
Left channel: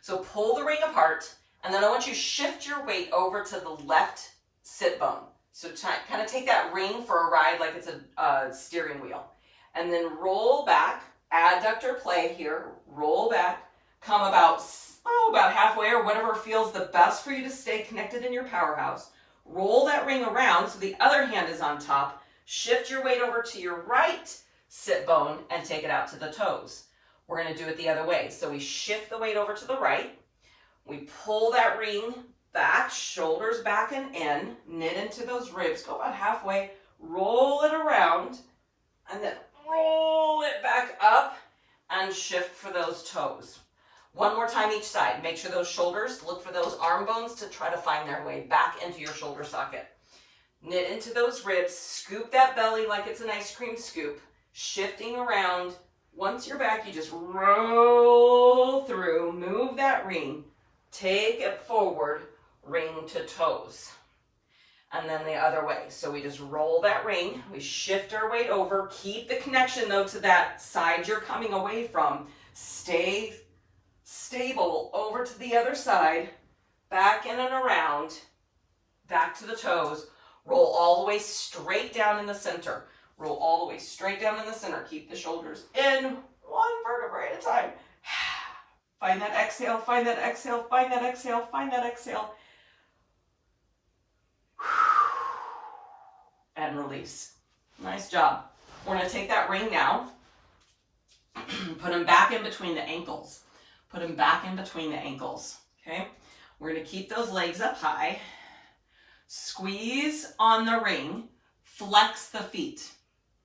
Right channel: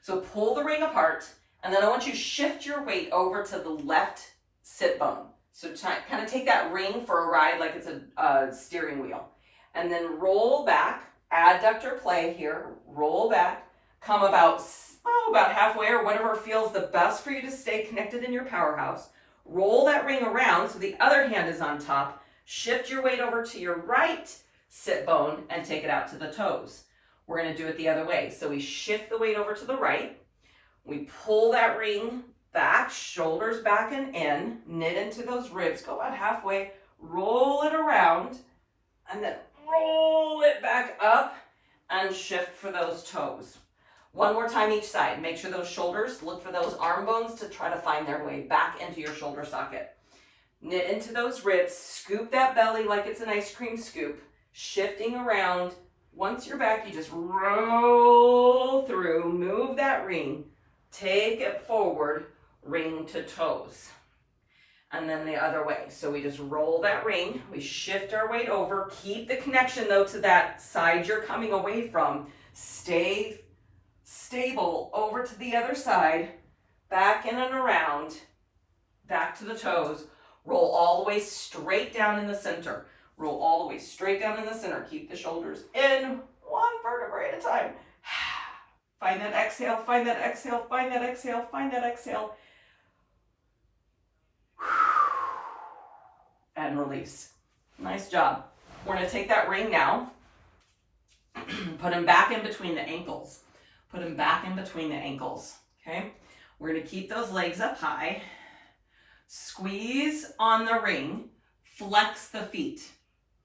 So pull the ring apart, and then I want you to shift your weight over to the left sit bone. So kind of take that ring for a ride like it's a steering wheel. And then roll back, adductor play here, roll back, come about halfway or whatever feels the best for you to stay connected in your powerhouse. Roll that ring around so the other hand is on top. Shift your weight over to your right sit bone and take it out to the toes. We're going to do it the other way. So we shift the weight over to the right. We pull that ring back, shoulders back and in, knit into those ribs, go about halfway, roll it around, and then roll it back up and shift for those toes. One more time each side. Make sure those shoulders, look for those arm bones to try to find their way back into your shoulder socket. Knit into those ribs, scoop that belly like it's an ice cream scoop, shifting around. Once you're back, you just roll through, move that ring, take it forward, ring to toes. And then the other way. So we just roll that ring, we shift our weight over, keep the connection though to that side you're coming away from. Stay stable over to the other side, back in and around, back to the toes. Roll all the way straight down in the center. Roll all the way straight down in the center. Keep the shoulders in, one vertebrae at a time. Find that exhale, find that exhale, find that exhale, find that exhale. And release. Nice job. We're going to take that ring now. Put him back in between the ankles. Put him back in between the ankles. Okay? We're going to keep those legs up high. Squeeze on the ring. Flex the feet.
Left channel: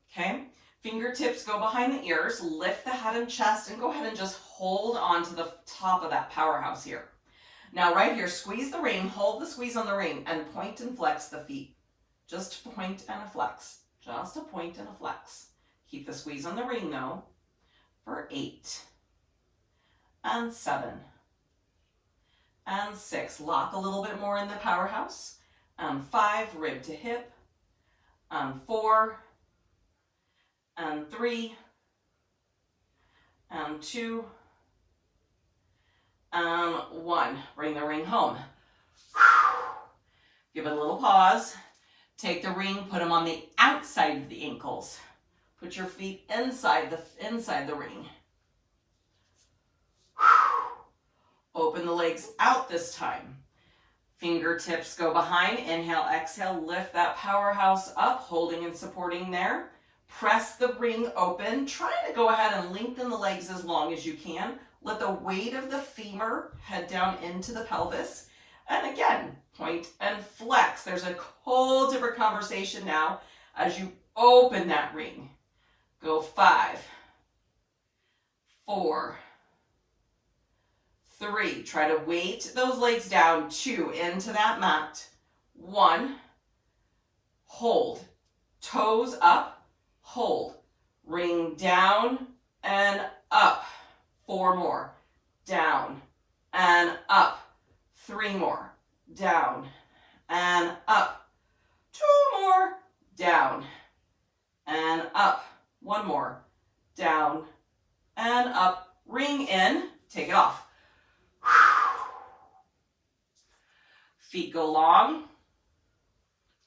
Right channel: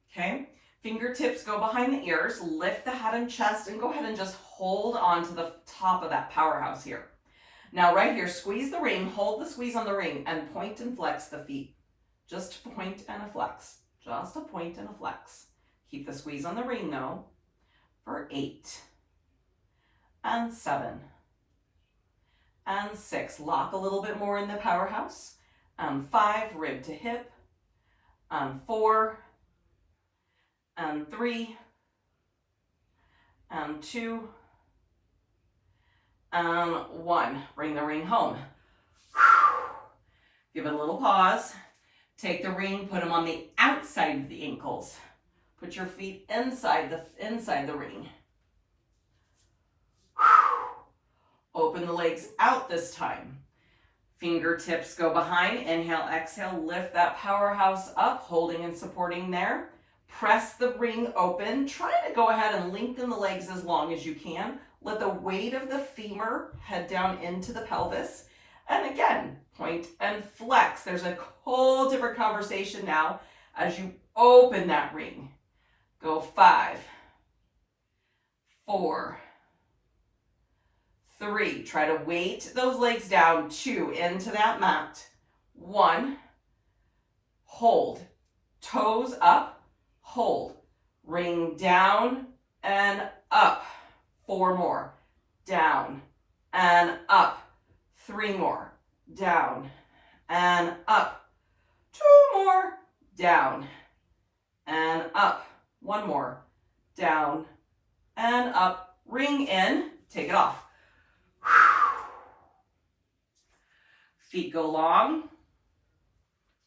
Okay? Fingertips go behind the ears. Lift the head and chest and go ahead and just hold on to the top of that powerhouse here. Now right here, squeeze the ring, hold the squeeze on the ring, and point and flex the feet. Just point and a flex. Just a point and a flex. Keep the squeeze on the ring though for 8 and 7 and 6. Lock a little bit more in the powerhouse. And 5, rib to hip. And 4 and 3 and 2 and 1. Bring the ring home. Give it a little pause. Take the ring, put them on the outside of the ankles. Put your feet inside the ring. Open the legs out this time. Fingertips go behind. Inhale, exhale, lift that powerhouse up, holding and supporting there. Press the ring open. Try to go ahead and lengthen the legs as long as you can. Let the weight of the femur head down into the pelvis. And again, point and flex. There's a whole different conversation now as you open that ring. Go 5, 4, 3. Try to weight those legs down. 2, into that mat. 1, hold. Toes up, hold. Ring down and up. 4 more. Down and up. 3 more. Down and up. 2 more. Down and up. 1 more. Down and up. Ring in. Take it off. Feet go long.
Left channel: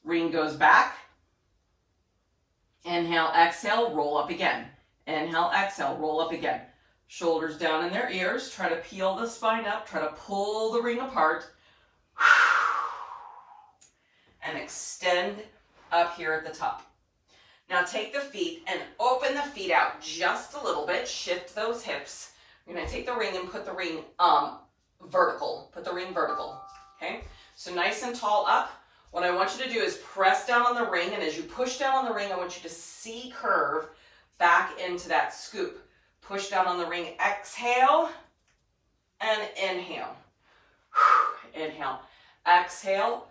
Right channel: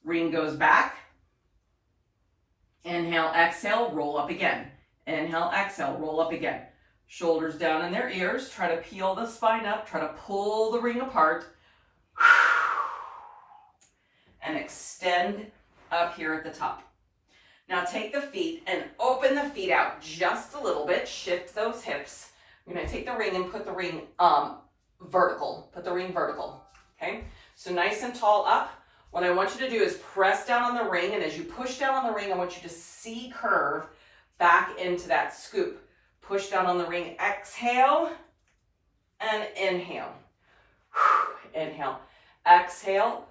Ring goes back. Inhale, exhale, roll up again. Inhale, exhale, roll up again. Shoulders down in their ears. Try to peel the spine up. Try to pull the ring apart. And extend up here at the top. Now take the feet and open the feet out just a little bit. Shift those hips. You're going to take the ring and put the ring vertical. Put the ring vertical. Okay? So nice and tall up. What I want you to do is press down on the ring, and as you push down on the ring, I want you to C-curve back into that scoop. Push down on the ring, exhale, and inhale. Inhale, exhale,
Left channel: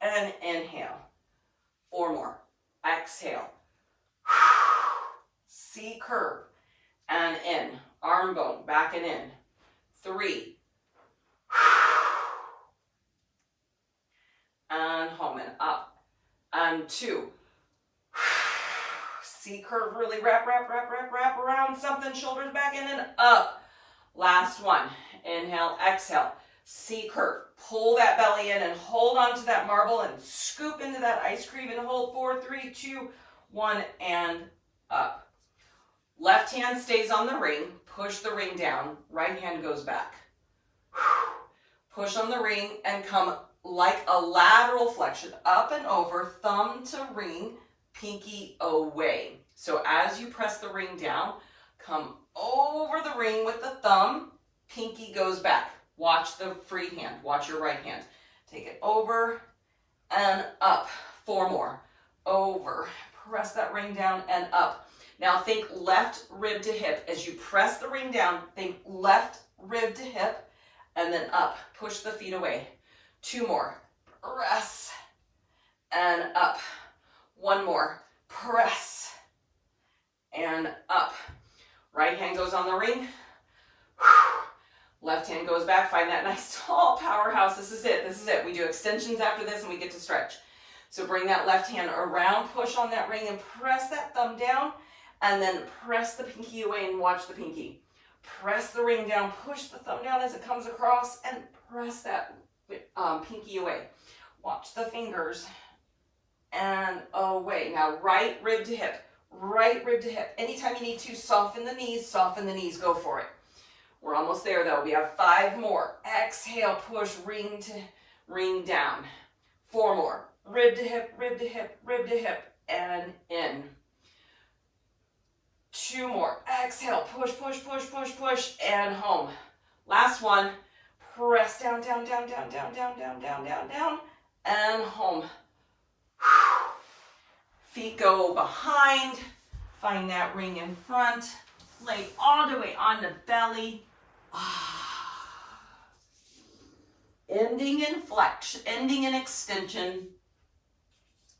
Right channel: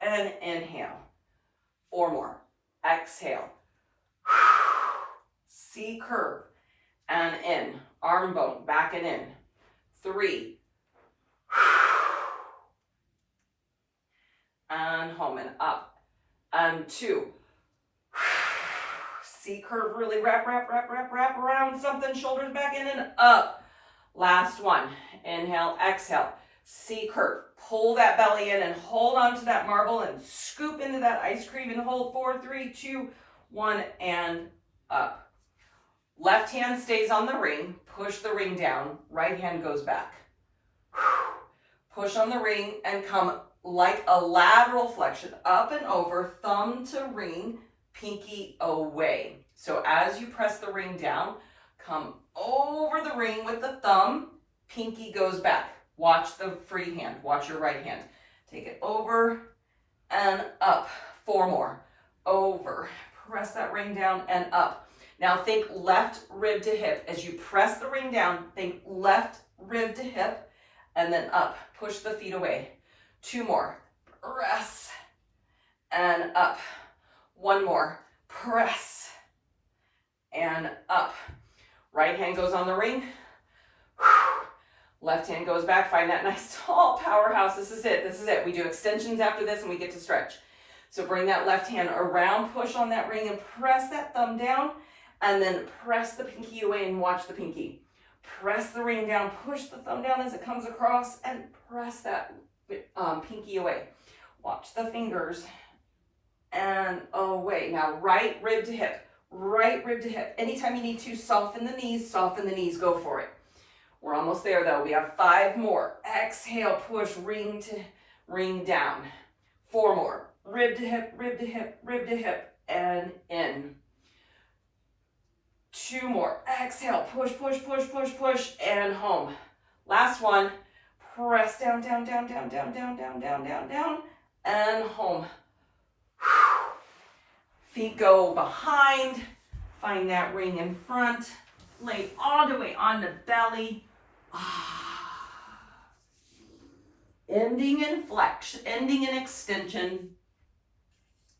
and inhale. 4 more. Exhale. C-curve, and in. Arm bone, back and in. 3. And home and up. And 2. C-curve, really wrap around something. Shoulders back in and up. Last one. Inhale, exhale. C-curve. Pull that belly in and hold on to that marble and scoop into that ice cream and hold. 4, 3, 2, 1, and up. Left hand stays on the ring. Push the ring down. Right hand goes back. Push on the ring and come like a lateral flexion, up and over, thumb to ring, pinky away. So as you press the ring down, come over the ring with the thumb, pinky goes back. Watch the free hand, watch your right hand. Take it over and up. 4 more. Over, press that ring down and up. Now think left rib to hip. As you press the ring down, think left rib to hip and then up. Push the feet away. 2 more. Press and up. 1 more. Press and up. Right hand goes on the ring. Left hand goes back. Find that nice tall powerhouse. This is it. This is it. We do extensions after this and we get to stretch. So bring that left hand around, push on that ring and press that thumb down, and then press the pinky away and watch the pinky. Press the ring down, push the thumb down as it comes across, and press that pinky away. Watch the fingers and away. Now right rib to hip, right rib to hip. Anytime you need to, soften the knees, go for it. We're almost there though. We have 5 more. Exhale, push ring to ring down. 4 more. Rib to hip, rib to hip, rib to hip, and in. 2 more. Exhale, push, push, push, push, push, and home. Last one. Press down, down, down, down, down, down, down, down, down, down, and home. Feet go behind. Find that ring in front. Lay all the way on the belly. Ending in flex, ending in extension,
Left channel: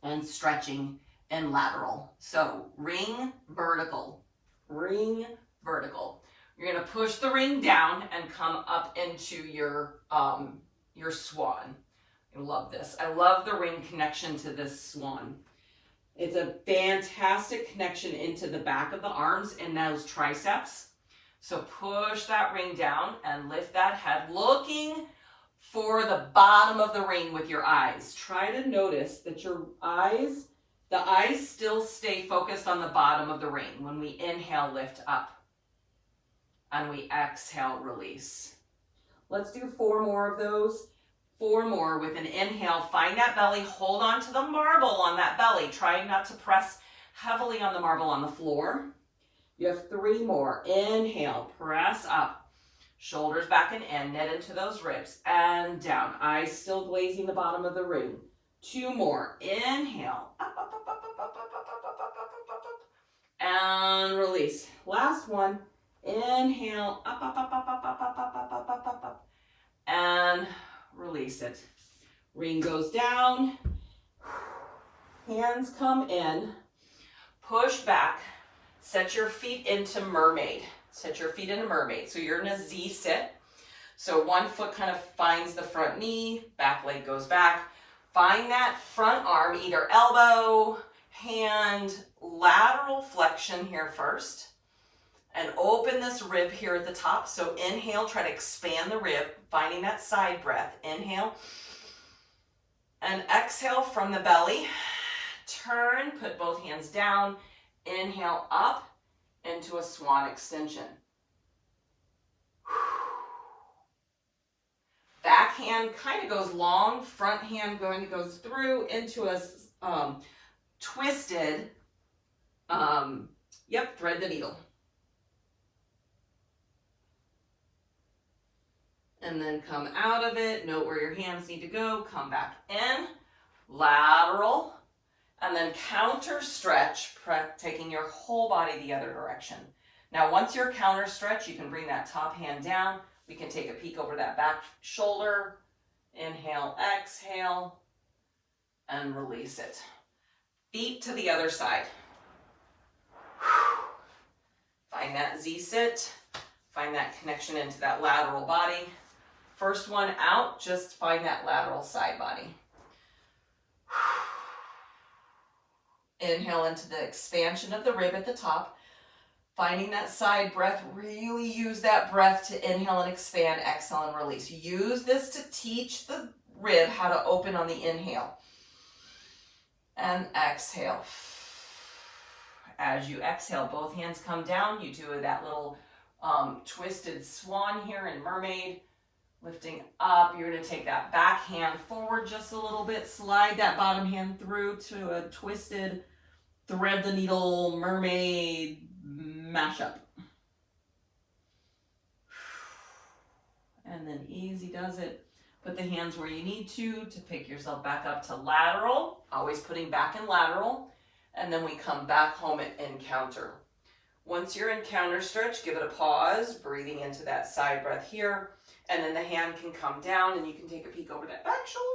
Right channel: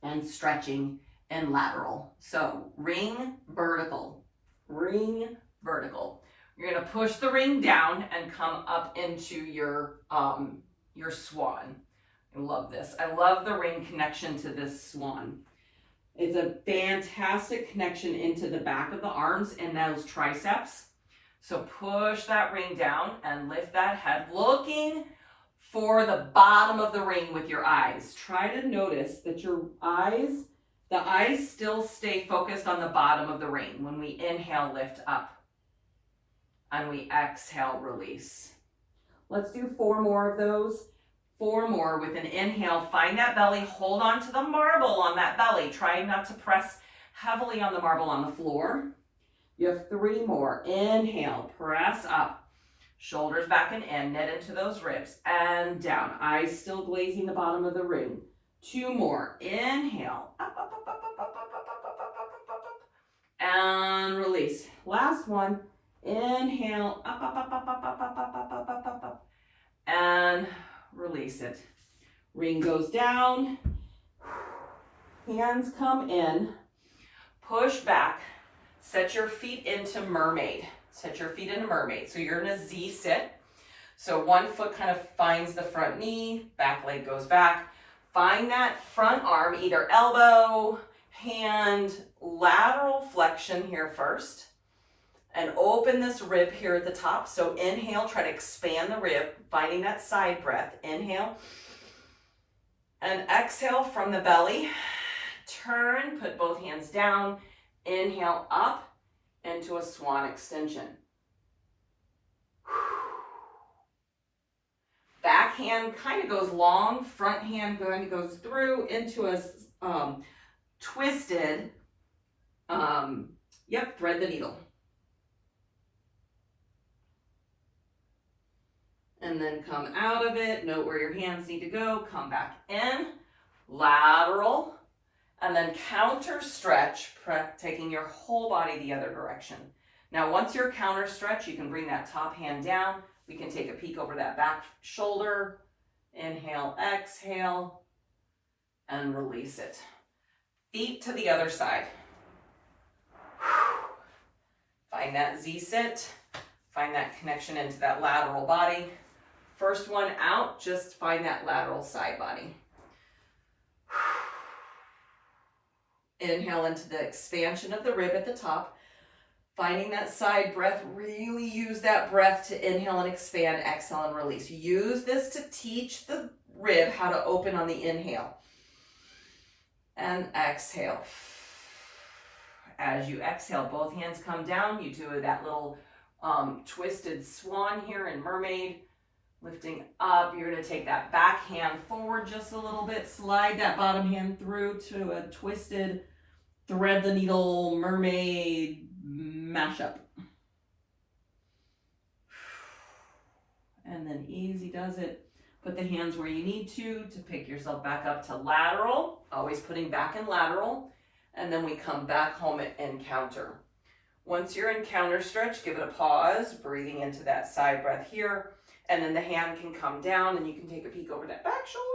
and stretching and lateral. So ring, vertical, ring, vertical. You're gonna push the ring down and come up into your swan. I love this. I love the ring connection to this swan. It's a fantastic connection into the back of the arms and those triceps. So push that ring down and lift that head, looking for the bottom of the ring with your eyes. Try to notice that your eyes, the eyes still stay focused on the bottom of the ring. When we inhale, lift up. And we exhale, release. Let's do 4 more of those. 4 more with an inhale. Find that belly. Hold on to the marble on that belly. Try not to press heavily on the marble on the floor. You have 3 more. Inhale, press up. Shoulders back and in, knit into those ribs, and down. Eyes still glazing the bottom of the ring. 2 more. Inhale, up, up, up, up, up, up, up, up, up, up, up, up, and release. Last one. Inhale, up, up, up, up, up, up, up, up, up, up, up, up, up, and release it. Ring goes down. Hands come in. Push back. Set your feet into mermaid. Set your feet into mermaid. So you're in a Z sit. So one foot kind of finds the front knee, back leg goes back. Find that front arm, either elbow, hand, lateral flexion here first. And open this rib here at the top. So inhale, try to expand the rib, finding that side breath. Inhale. And exhale from the belly. Turn, put both hands down. Inhale up into a swan extension. Back hand kind of goes long, front hand goes through into a twisted, thread the needle. And then come out of it, note where your hands need to go, come back in, lateral, and then counter stretch, taking your whole body the other direction. Now, once you're counter stretch, you can bring that top hand down. We can take a peek over that back shoulder. Inhale, exhale, and release it. Feet to the other side. Find that Z sit. Find that connection into that lateral body. First one out, just find that lateral side body. Inhale into the expansion of the rib at the top. Finding that side breath, really use that breath to inhale and expand, exhale and release. Use this to teach the rib how to open on the inhale. And exhale. As you exhale, both hands come down. You do that little twisted swan here in mermaid. Lifting up, you're going to take that back hand forward just a little bit. Slide that bottom hand through to a twisted thread the needle mermaid mashup. And then easy does it. Put the hands where you need to pick yourself back up to lateral. Always putting back in lateral. And then we come back home and counter. Once you're in counter stretch, give it a pause, breathing into that side breath here. And then the hand can come down and you can take a peek over that back shoulder.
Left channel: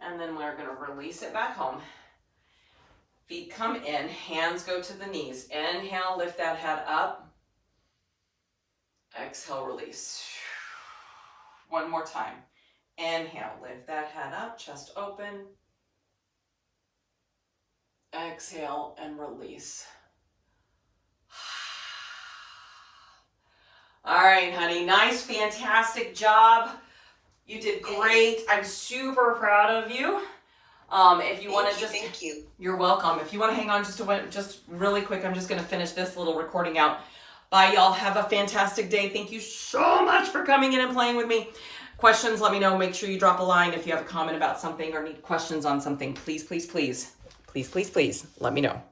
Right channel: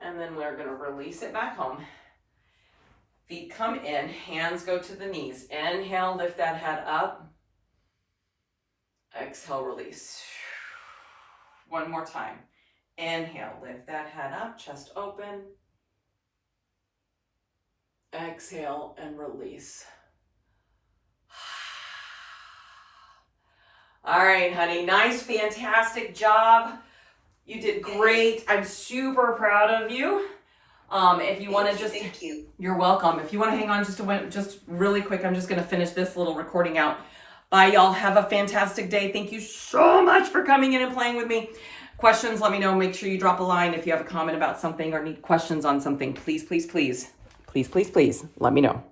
And then we're going to release it back home. Feet come in, hands go to the knees. Inhale, lift that head up. Exhale, release. One more time. Inhale, lift that head up, chest open. Exhale and release. All right, honey, nice, fantastic job. You did great. I'm super proud of you. If you want to just, thank you. You're welcome. If you want to hang on just really quick, I'm just going to finish this little recording out. Bye, y'all. Have a fantastic day. Thank you so much for coming in and playing with me. Questions, let me know. Make sure you drop a line if you have a comment about something or need questions on something. Please, please, please, please, please, please, let me know.